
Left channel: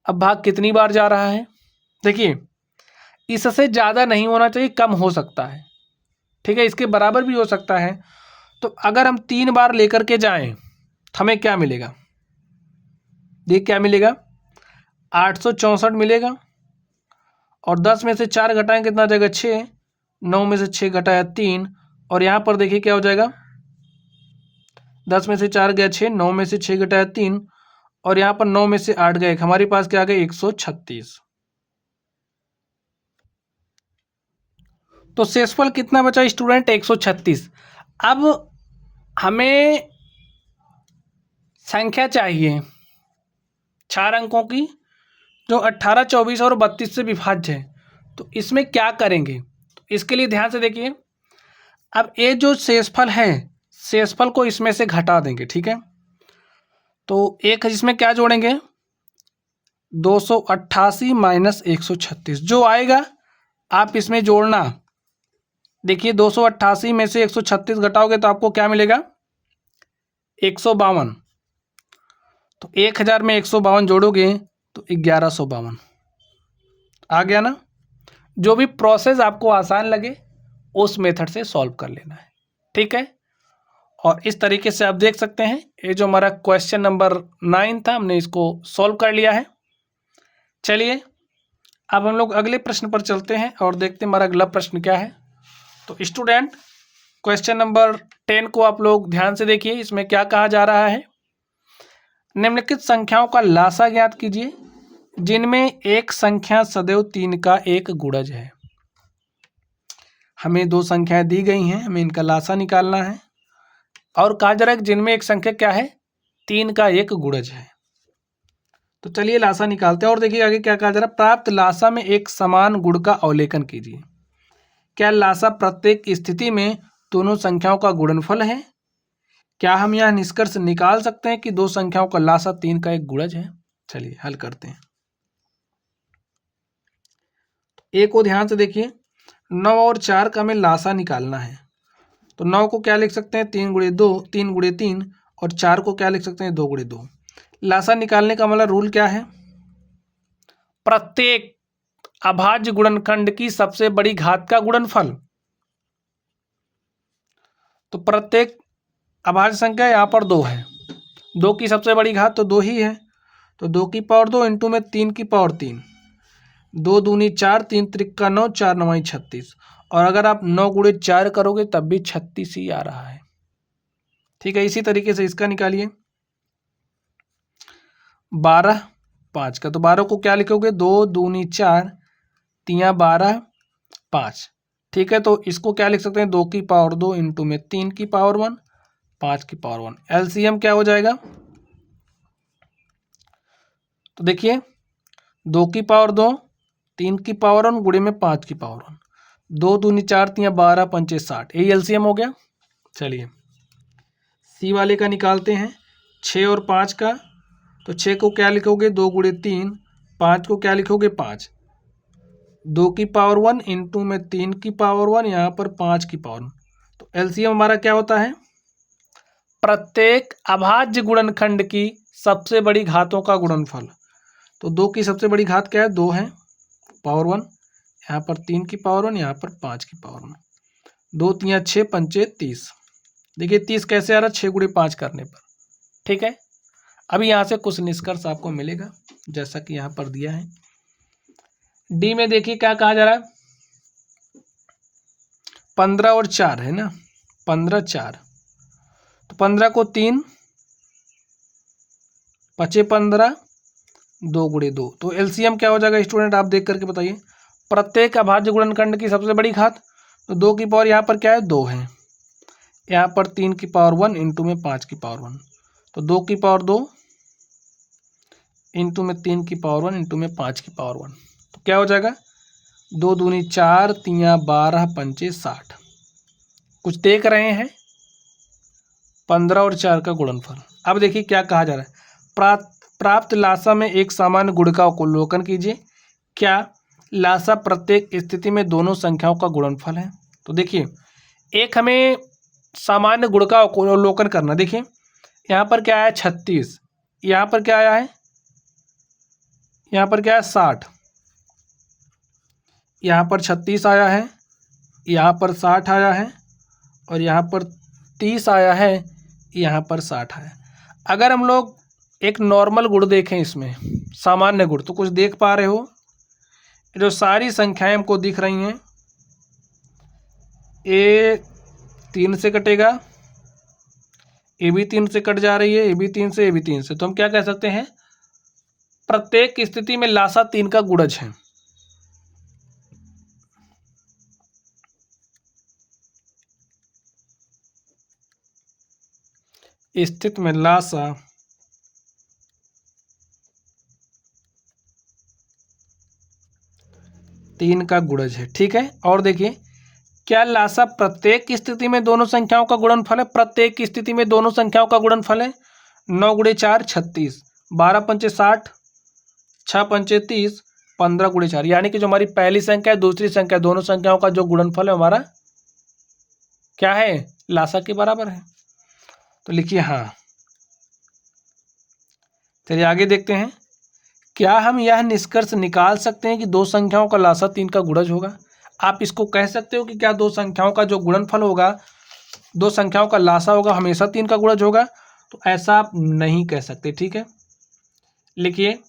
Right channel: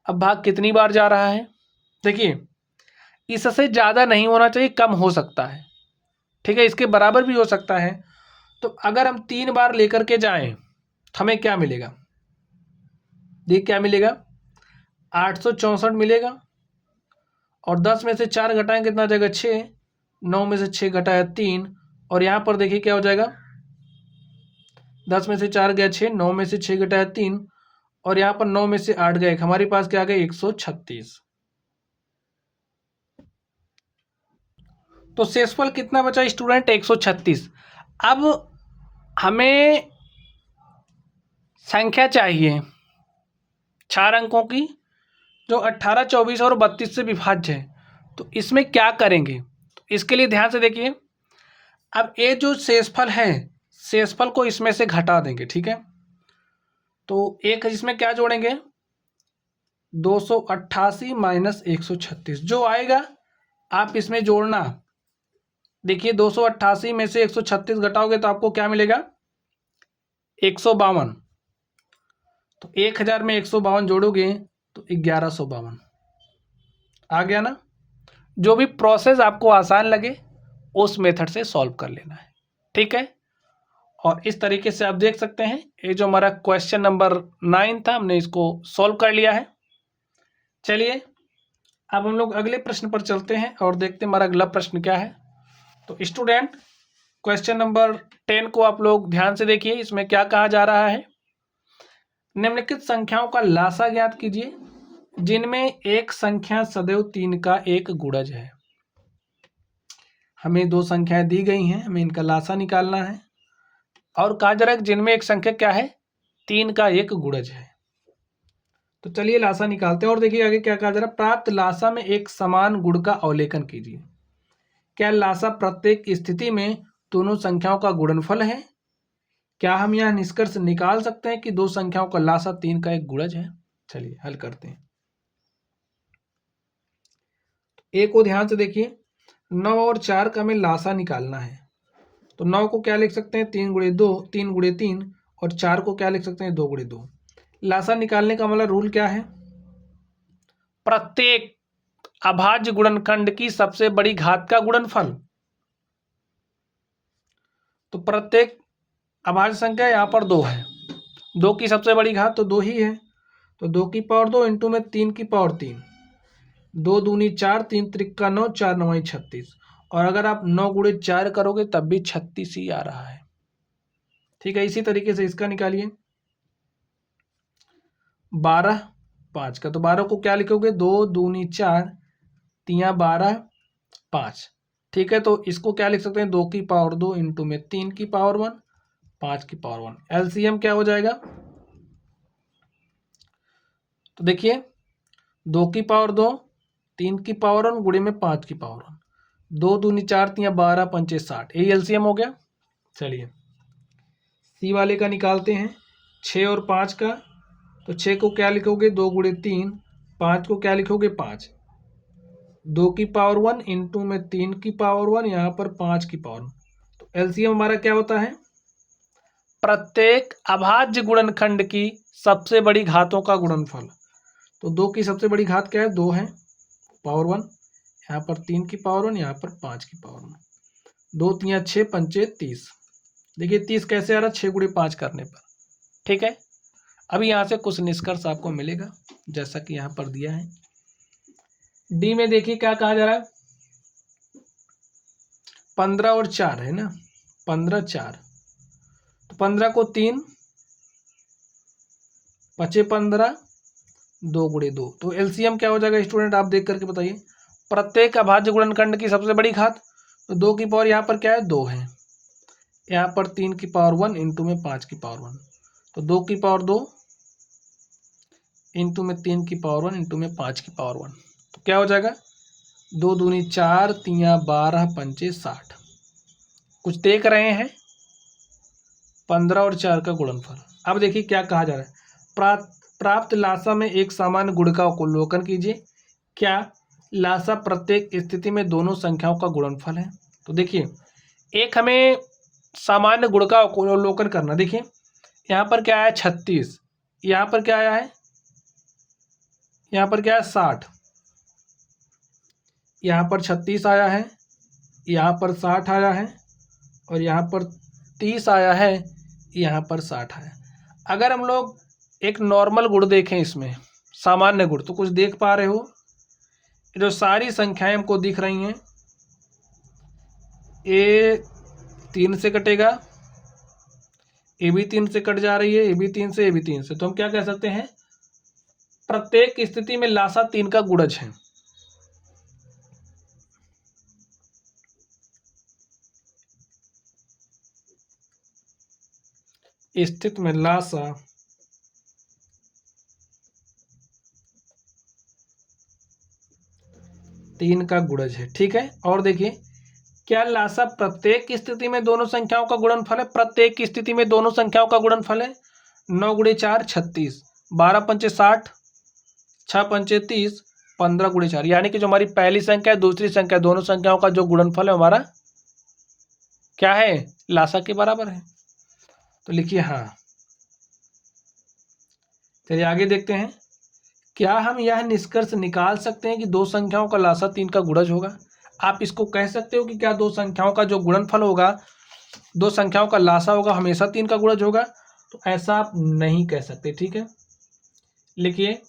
अब भाग कितनी बार जा रहा है? देखिए इससे ज़्यादा नहीं होना चाहिए, कम हो सकता है, ठीक है, इसके बराबर भी हो सकता है। तो अगर हम 3 बार लेकर के जाएं तो हमें क्या मिलेगा? देख क्या मिलेगा? 864 मिलेगा। और 10 में से 4 घटाएं कितना हो जाएगा? 6। 9 में से 6 घटाया 3। और यहाँ पर देखिए क्या हो जाएगा? 10 में से 4 गया 6, 9 में से 6 घटाया 3 और यहाँ पर 9 में से 8 गया 1। हमारे पास क्या आ गया? 136। तो शेषफल कितना बचा स्टूडेंट? 136। अब हमें संख्या चाहिए 4 अंकों की जो 18, 24 और 32 से विभाज्य है। तो इसमें क्या करेंगे? इसके लिए ध्यान से देखिए। अब ये जो शेषफल है, शेषफल को इसमें से घटा देंगे, ठीक है। तो एक इसमें क्या जोड़ेंगे? 288 माइनस 136 जो आएगा आप इसमें जोड़ना। देखिए 288 में से 136 घटाओगे तो आपको क्या मिलेगा? 152। तो 1000 में 152 जोड़ोगे तो 1152 आ गया ना। जो भी प्रोसेस आपको आसान लगे उस मेथड से सॉल्व कर लेना है, ठीक है। और इस तरीके से आप देख सकते हैं ये जो हमारा क्वेश्चन नंबर 9 था हमने इसको सॉल्व कर लिया है। चलिए अब हम लोग अगले प्रश्न पर चलते हैं और देखते हैं हमारा अगला प्रश्न क्या है। तो स्टूडेंट क्वेश्चन नंबर 10 को आप लोग ध्यान से देखिए। इसमें क्या कहा जा रहा है? निम्नलिखित संख्याओं का लासा ज्ञात कीजिए जिनमें एक संख्या सदैव 3 का एक गुणज है। हमें 2 संख्याएं दी गई हैं, हमें इनका लासा निकालना है। और कहा जा रहा है जिनमें एक संख्या क्या है? 3 का एक गुणज है। तो चलिए लासा निकालते हैं और देखिए आगे क्या कहा जा रहा है। प्राप्त लासा में एक समान गुण का अवलेखन कीजिए। क्या लासा प्रत्येक स्थिति में दोनों संख्याओं का गुणनफल है? क्या हम यह निष्कर्ष निकाल सकते हैं कि 2 संख्याओं का लासा 3 का एक गुणज है? चलिए हल करते हैं। एक को ध्यान से देखिए, 9 और 4 का हमें लासा निकालना है। तो 9 को क्या लिख सकते हैं? 3 गुणे 2, 3 गुणे 3। और 4 को क्या लिख सकते हैं? 2 गुणे 2। लासा निकालने का हमारा रूल क्या है? प्रत्येक अभाज्य गुणनखंड की सबसे बड़ी घात का गुणनफल। तो प्रत्येक अभाज्य संख्या यहाँ पर 2 है, 2 की सबसे बड़ी घात तो 2 ही है। तो 2 की पावर 2 इंटू में 3 की पावर 3, 2 दूनी 4, 3 त्रिक्का 9, 4 9 36। और अगर आप 9 गुणे 4 करोगे तब भी 36 ही आ रहा है, ठीक है। इसी तरीके से इसका निकालिए 12 5 का। तो 12 को क्या लिखोगे? 2 दूनी 4, 3 12 5, ठीक है। तो इसको क्या लिख सकते हैं? 2 की पावर 2 इंटू में 3 की पावर 1, 5 की पावर 1। एलसीएम क्या हो जाएगा? तो देखिए 2 की पावर 2, 3 की पावर 1 गुणे में 5 की पावर 1, 2 दूनी 4, 3 12 पंचे 60, यही एलसीएम हो गया। चलिए सी वाले का निकालते हैं, 6 और 5 का। तो 6 को क्या लिखोगे? 2 गुणे 3। 5 को क्या लिखोगे? 5, 2 की पावर 1 इंटू में 3 की पावर 1, यहाँ पर 5 की पावर 1। तो एलसीएम हमारा क्या होता है? प्रत्येक अभाज्य गुणनखंड की सबसे बड़ी घातों का गुणनफल। तो 2 की सबसे बड़ी घात क्या है? 2 है, पावर 1, यहाँ पर 3 की पावर 1, यहाँ पर 5 की पावर 1। 2 3 6 पंचे 30। देखिए 30 कैसे आ रहा है? 6 गुणे 5 करने पर। ठीक है, अभी यहाँ से कुछ निष्कर्ष आपको मिलेगा जैसा कि यहाँ पर दिया है। डी में देखिए क्या कहा जा रहा है? 15 और 4 है ना, 15 4, तो 15 को 3 पचे 15, 2 गुणे 2, तो एलसीएम क्या हो जाएगा स्टूडेंट? आप देख करके बताइए। प्रत्येक अभाज्य गुणनखंड की सबसे बड़ी घात, तो 2 की पावर यहाँ पर क्या है? 2 है, यहाँ पर 3 की पावर 1 इंटू में 5 की पावर 1, तो 2 की पावर 2 इंटू में 3 की पावर 1 इंटू में 5 की पावर 1, तो क्या हो जाएगा? 2 दूनी 4, 3 12, पंचे 60। कुछ देख रहे हैं? 15 और 4 का गुणनफल। अब देखिए क्या कहा जा रहा है? प्राप्त लासा में एक सामान्य गुण का अवलोकन कीजिए। क्या लासा प्रत्येक स्थिति में दोनों संख्याओं का गुणनफल है? तो देखिए एक हमें सामान्य गुण का अवलोकन करना। देखिए यहाँ पर क्या आया? 36, यहाँ पर क्या आया है? यहाँ पर क्या है? 60, यहाँ पर 36 आया है, यहाँ पर 60 आया है, और यहाँ पर 30 आया है, यहाँ पर 60 आया है। अगर हम लोग एक नॉर्मल गुण देखें, इसमें सामान्य गुण, तो कुछ देख पा रहे हो? जो सारी संख्याएं हमको दिख रही हैं, ए 3 से कटेगा, ए भी 3 से कट जा रही है, ए भी 3 से, ए भी 3 से, तो हम क्या कह सकते हैं? प्रत्येक स्थिति में लासा 3 का गुणज है। स्थिति में लासा 3 का गुणज है। ठीक है, और देखिए क्या लासा प्रत्येक स्थिति में दोनों संख्याओं का गुणनफल है? प्रत्येक स्थिति में दोनों संख्याओं का गुणनफल है। 9 गुणे 4 36, 12 पंचे 60, 6 पंचे 30, 15 गुणे 4, यानी कि जो हमारी पहली संख्या है, दूसरी संख्या, दोनों संख्याओं का जो गुणनफल है हमारा क्या है? लासा के बराबर है। तो लिखिए हाँ। चलिए आगे देखते हैं। क्या हम यह निष्कर्ष निकाल सकते हैं कि दो संख्याओं का लासा 3 का गुणज होगा? आप इसको कह सकते हो कि क्या दो संख्याओं का जो गुणनफल होगा, दो संख्याओं का लासा होगा, हमेशा 3 का गुणज होगा? तो ऐसा आप नहीं कह सकते। ठीक है, लिखिए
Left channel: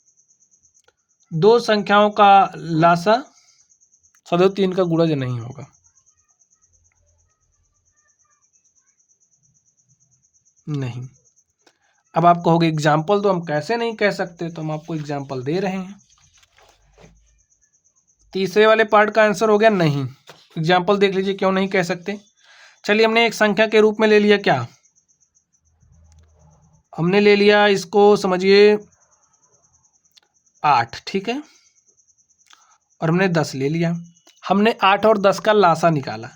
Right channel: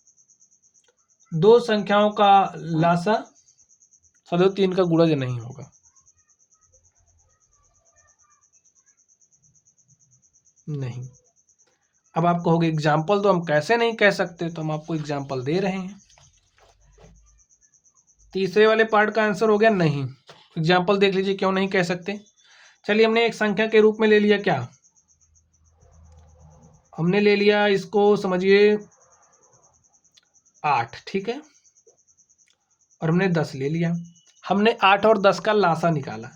दो संख्याओं का लासा सदैव 3 का गुणज नहीं होगा। नहीं। अब आप कहोगे एग्जाम्पल तो हम कैसे नहीं कह सकते, तो हम आपको एग्जाम्पल दे रहे हैं। तीसरे वाले पार्ट का आंसर हो गया नहीं। एग्जाम्पल देख लीजिए क्यों नहीं कह सकते। चलिए हमने एक संख्या के रूप में ले लिया, क्या हमने ले लिया? इसको समझिए 8, ठीक है, और हमने 10 ले लिया। हमने 8 और 10 का लासा निकाला,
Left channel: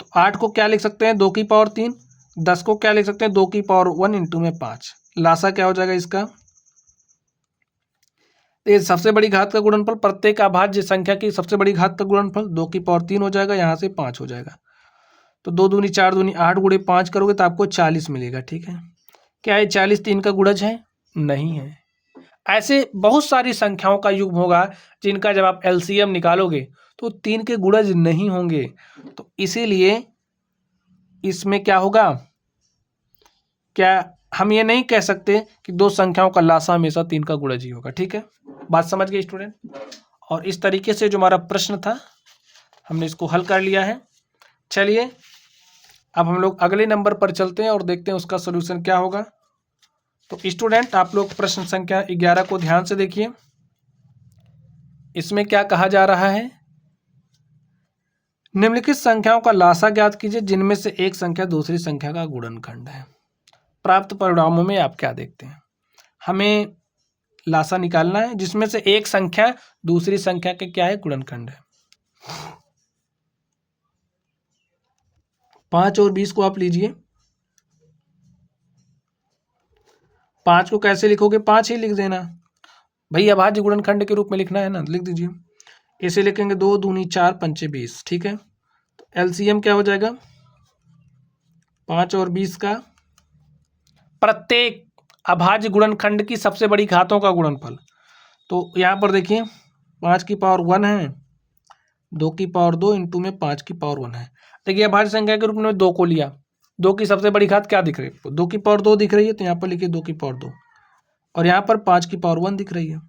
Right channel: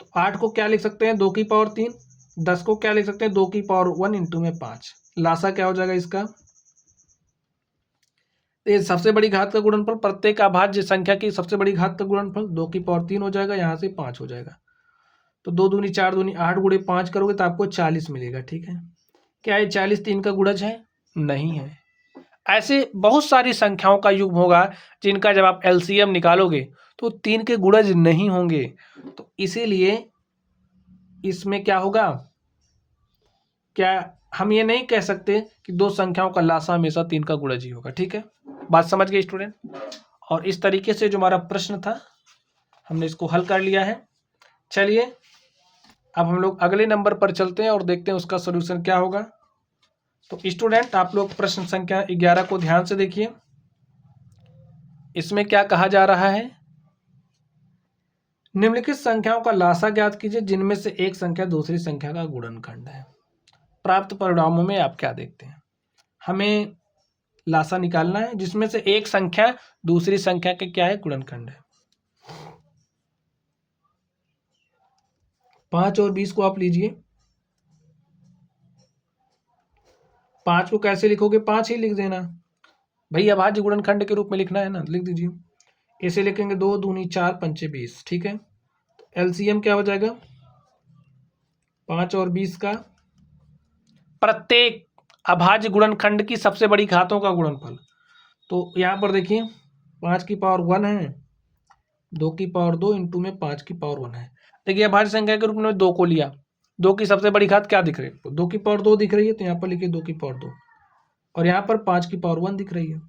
तो 8 को क्या लिख सकते हैं? 2 की पावर 3, 10 को क्या लिख सकते हैं? 2 की पावर 1 इंटू में 5। लासा क्या हो जाएगा इसका? ये सबसे बड़ी घात का गुणनफल, प्रत्येक अभाज्य संख्या की सबसे बड़ी घात का गुणनफल 2 की पावर 3 हो जाएगा, यहाँ से 5 हो जाएगा। तो 2 दूनी 4 दूनी 8 गुणे 5 करोगे तो आपको 40 मिलेगा। ठीक है, क्या ये 40 3 का गुणज है? नहीं है। ऐसे बहुत सारी संख्याओं का युग्म होगा जिनका जब आप एलसीएम निकालोगे तो 3 के गुणज नहीं होंगे। तो इसीलिए इसमें क्या होगा? क्या हम ये नहीं कह सकते कि दो संख्याओं का लासा हमेशा 3 का गुणज ही होगा। ठीक है, बात समझ गए स्टूडेंट? और इस तरीके से जो हमारा प्रश्न था हमने इसको हल कर लिया है। चलिए अब हम लोग अगले नंबर पर चलते हैं और देखते हैं उसका सलूशन क्या होगा। तो स्टूडेंट आप लोग प्रश्न संख्या 11 को ध्यान से देखिए। इसमें क्या कहा जा रहा है? निम्नलिखित संख्याओं का लासा ज्ञात कीजिए जिनमें से एक संख्या दूसरी संख्या का गुणनखंड है। प्राप्त परिणामों में आप क्या देखते हैं? हमें लासा निकालना है जिसमें से एक संख्या दूसरी संख्या का क्या है? गुणनखंड है। 5 और 20 को आप लीजिए। 5 को कैसे लिखोगे? 5 ही लिख देना भाई, अभाज्य गुणनखंड के रूप में लिखना है ना, लिख दीजिए। ऐसे लिखेंगे 2 दूनी 4 पंचे 20। ठीक है, तो एलसीएम क्या हो जाएगा? 5 और 20 का प्रत्येक अभाज्य गुणनखंड की सबसे बड़ी घातों का गुणनफल। तो यहाँ पर देखिए 5 की पावर 1 है, 2 की पावर 2 इंटू में 5 की पावर 1 है। देखिए अभाज्य संख्या के रूप में 2 को लिया, 2 की सबसे बड़ी घात क्या दिख रही है? 2 की पावर 2 दिख रही है, तो यहाँ पर लिखिए 2 की पावर 2, और यहाँ पर 5 की पावर 1 दिख रही है।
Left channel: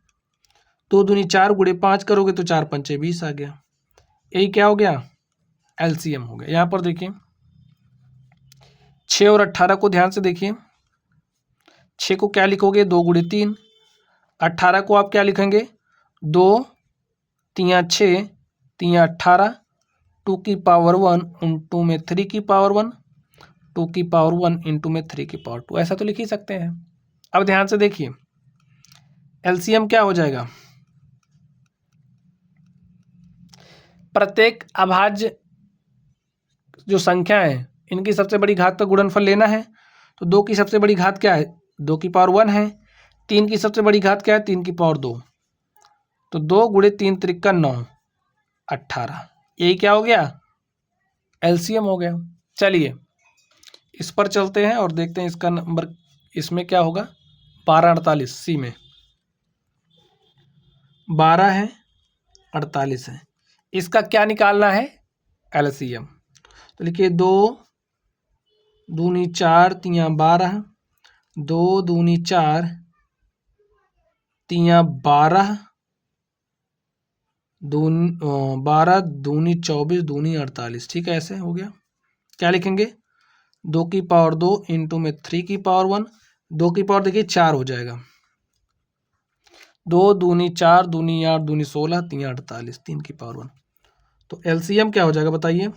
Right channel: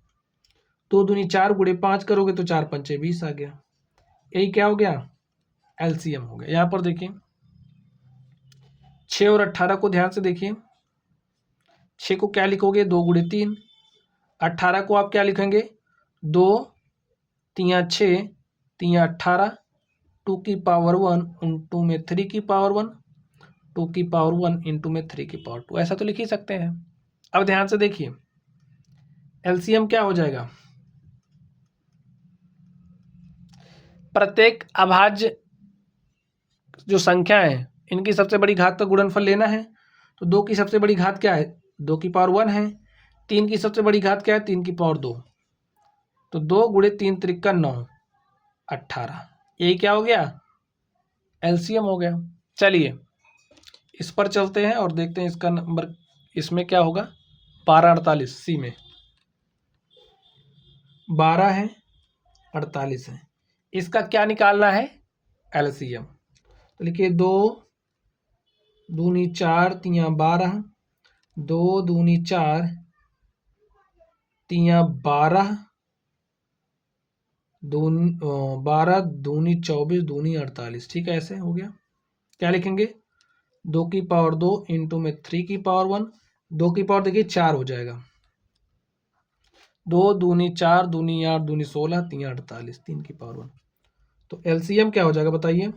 2 दूनी 4 गुणे 5 करोगे तो 4 पंचे 20 आ गया। यही क्या हो गया? एलसीएम हो गया। यहाँ पर देखिए 6 और 18 को ध्यान से देखिए। 6 को क्या लिखोगे? 2 गुणे 3। 18 को आप क्या लिखेंगे? 2 3 6 3 18, 2 की पावर 1 इंटू में 3 की पावर 1, 2 की पावर 1 इंटू में 3 की पावर 2, ऐसा तो लिख ही सकते हैं। अब ध्यान से देखिए एलसीएम क्या हो जाएगा? प्रत्येक अभाज्य जो संख्या है इनकी सबसे बड़ी घात का गुणनफल लेना है। तो 2 की सबसे बड़ी घात क्या है? 2 की पावर 1 है। 3 की सबसे बड़ी घात क्या है? 3 की पावर 2। तो 2 गुणे 3 त्रिका 9, 18, यही क्या हो गया? एलसीएम हो गया। चलिए इस पर चलते हैं और देखते हैं इसका नंबर इसमें क्या होगा। 12 48 सी में 12 है, 48 है, इसका क्या निकालना है? एलसीएम। तो लिखिए 2 दूनी 4 3 12, 2 दूनी 4 3 12, 12 दूनी 24 दूनी 48, ठीक है, ऐसे हो गया। क्या लिखेंगे? 2 की पावर 2 इंटू में 3 की पावर 1, 2 की पावर देखिए 4 हो जाएगा। 2 दूनी 4 दूनी 8 दूनी 16 3 48, 3 की पावर 1। तो एलसीएम क्या हो जाएगा बताइए?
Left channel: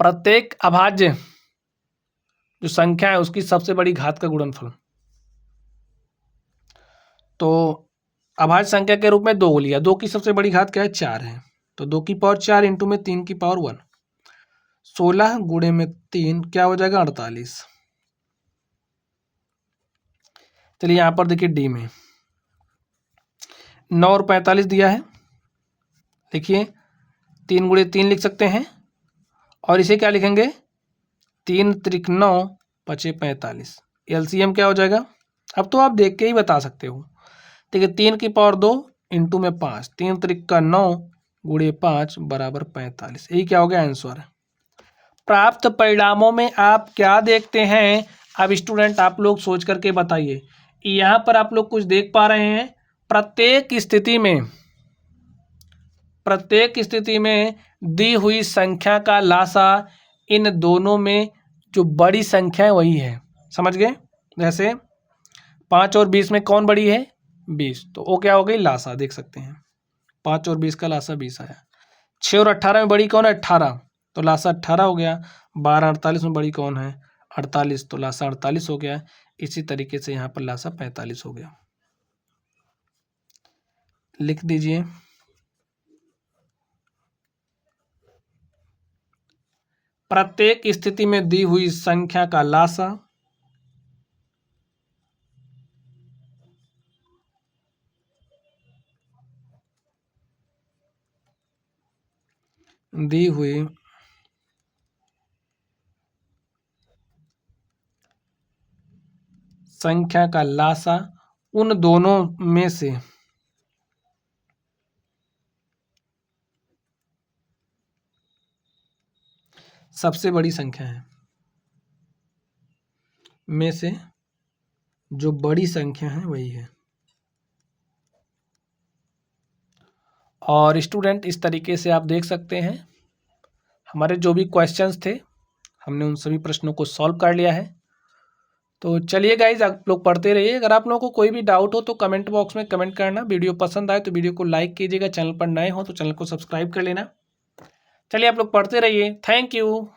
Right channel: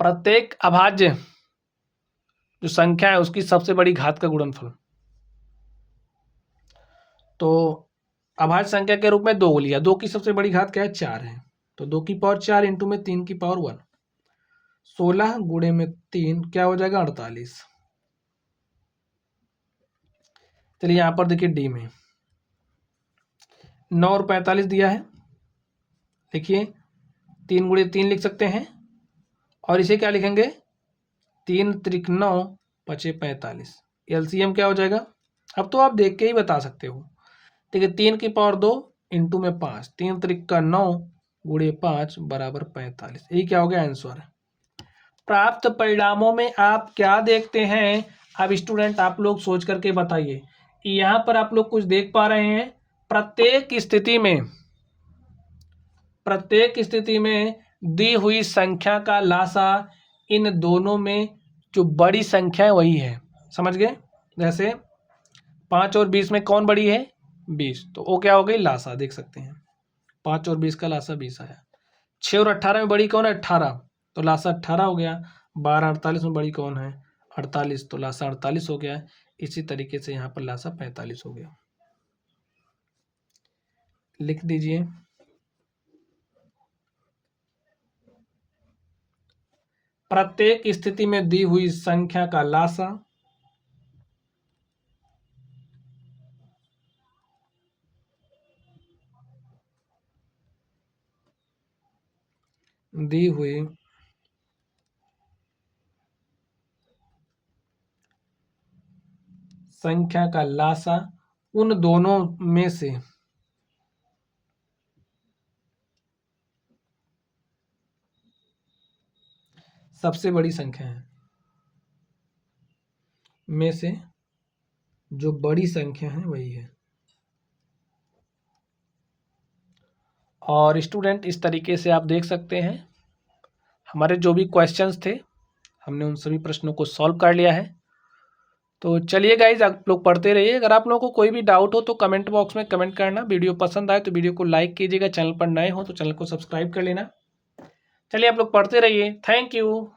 प्रत्येक अभाज्य जो संख्या है उसकी सबसे बड़ी घात का गुणनफल। तो अभाज्य संख्या के रूप में 2 लिया, 2 की सबसे बड़ी घात क्या है? 4 है। तो 2 की पावर 4 इंटू में 3 की पावर 1, 16 गुणे में 3 क्या हो जाएगा? 48। चलिए यहाँ पर देखिए डी में 9 और 45 दिया है। देखिए 3 गुणे 3 लिख सकते हैं, और इसे क्या लिखेंगे? 3 त्रिक 9 पचे 45। एलसीएम क्या हो जाएगा? अब तो आप देख के ही बता सकते हो। देखिए 3 की पावर 2 इंटू में 5, 3 त्रिक 9 गुणे 5 बराबर 45, यही क्या हो गया? आंसर। प्राप्त परिणामों में आप क्या देखते हैं? अब स्टूडेंट आप लोग सोच करके बताइए। यहाँ पर आप लोग कुछ देख पा रहे हैं? प्रत्येक स्थिति में दी हुई संख्या का लासा इन दोनों में जो बड़ी संख्या है वही है। समझ गए? जैसे 5 और 20 में कौन बड़ी है? 20, तो वो क्या हो गई? लासा। देख सकते हैं 5 और 20 का लासा 20 आया। 6 और 18 में बड़ी कौन है? 18, तो लासा 18 हो गया। 12 48 में बड़ी कौन है? 48, तो लासा 48 हो गया। इसी तरीके से यहाँ पर लासा 45 हो गया। लिख दीजिए प्रत्येक स्थिति में दी हुई संख्या का लासा दी हुई संख्या का लासा उन दोनों में से सबसे बड़ी संख्या है। में से जो बड़ी संख्या है वही है। और स्टूडेंट इस तरीके से आप देख सकते हैं हमारे जो भी क्वेश्चंस थे हमने उन सभी प्रश्नों को सॉल्व कर लिया है। तो चलिए गाइज आप लोग पढ़ते रहिए। अगर आप लोगों को कोई भी डाउट हो तो कमेंट बॉक्स में कमेंट करना। वीडियो पसंद आए तो वीडियो को लाइक कीजिएगा। चैनल पर नए हो तो चैनल को सब्सक्राइब कर लेना। चलिए आप लोग पढ़ते रहिए। Thank you.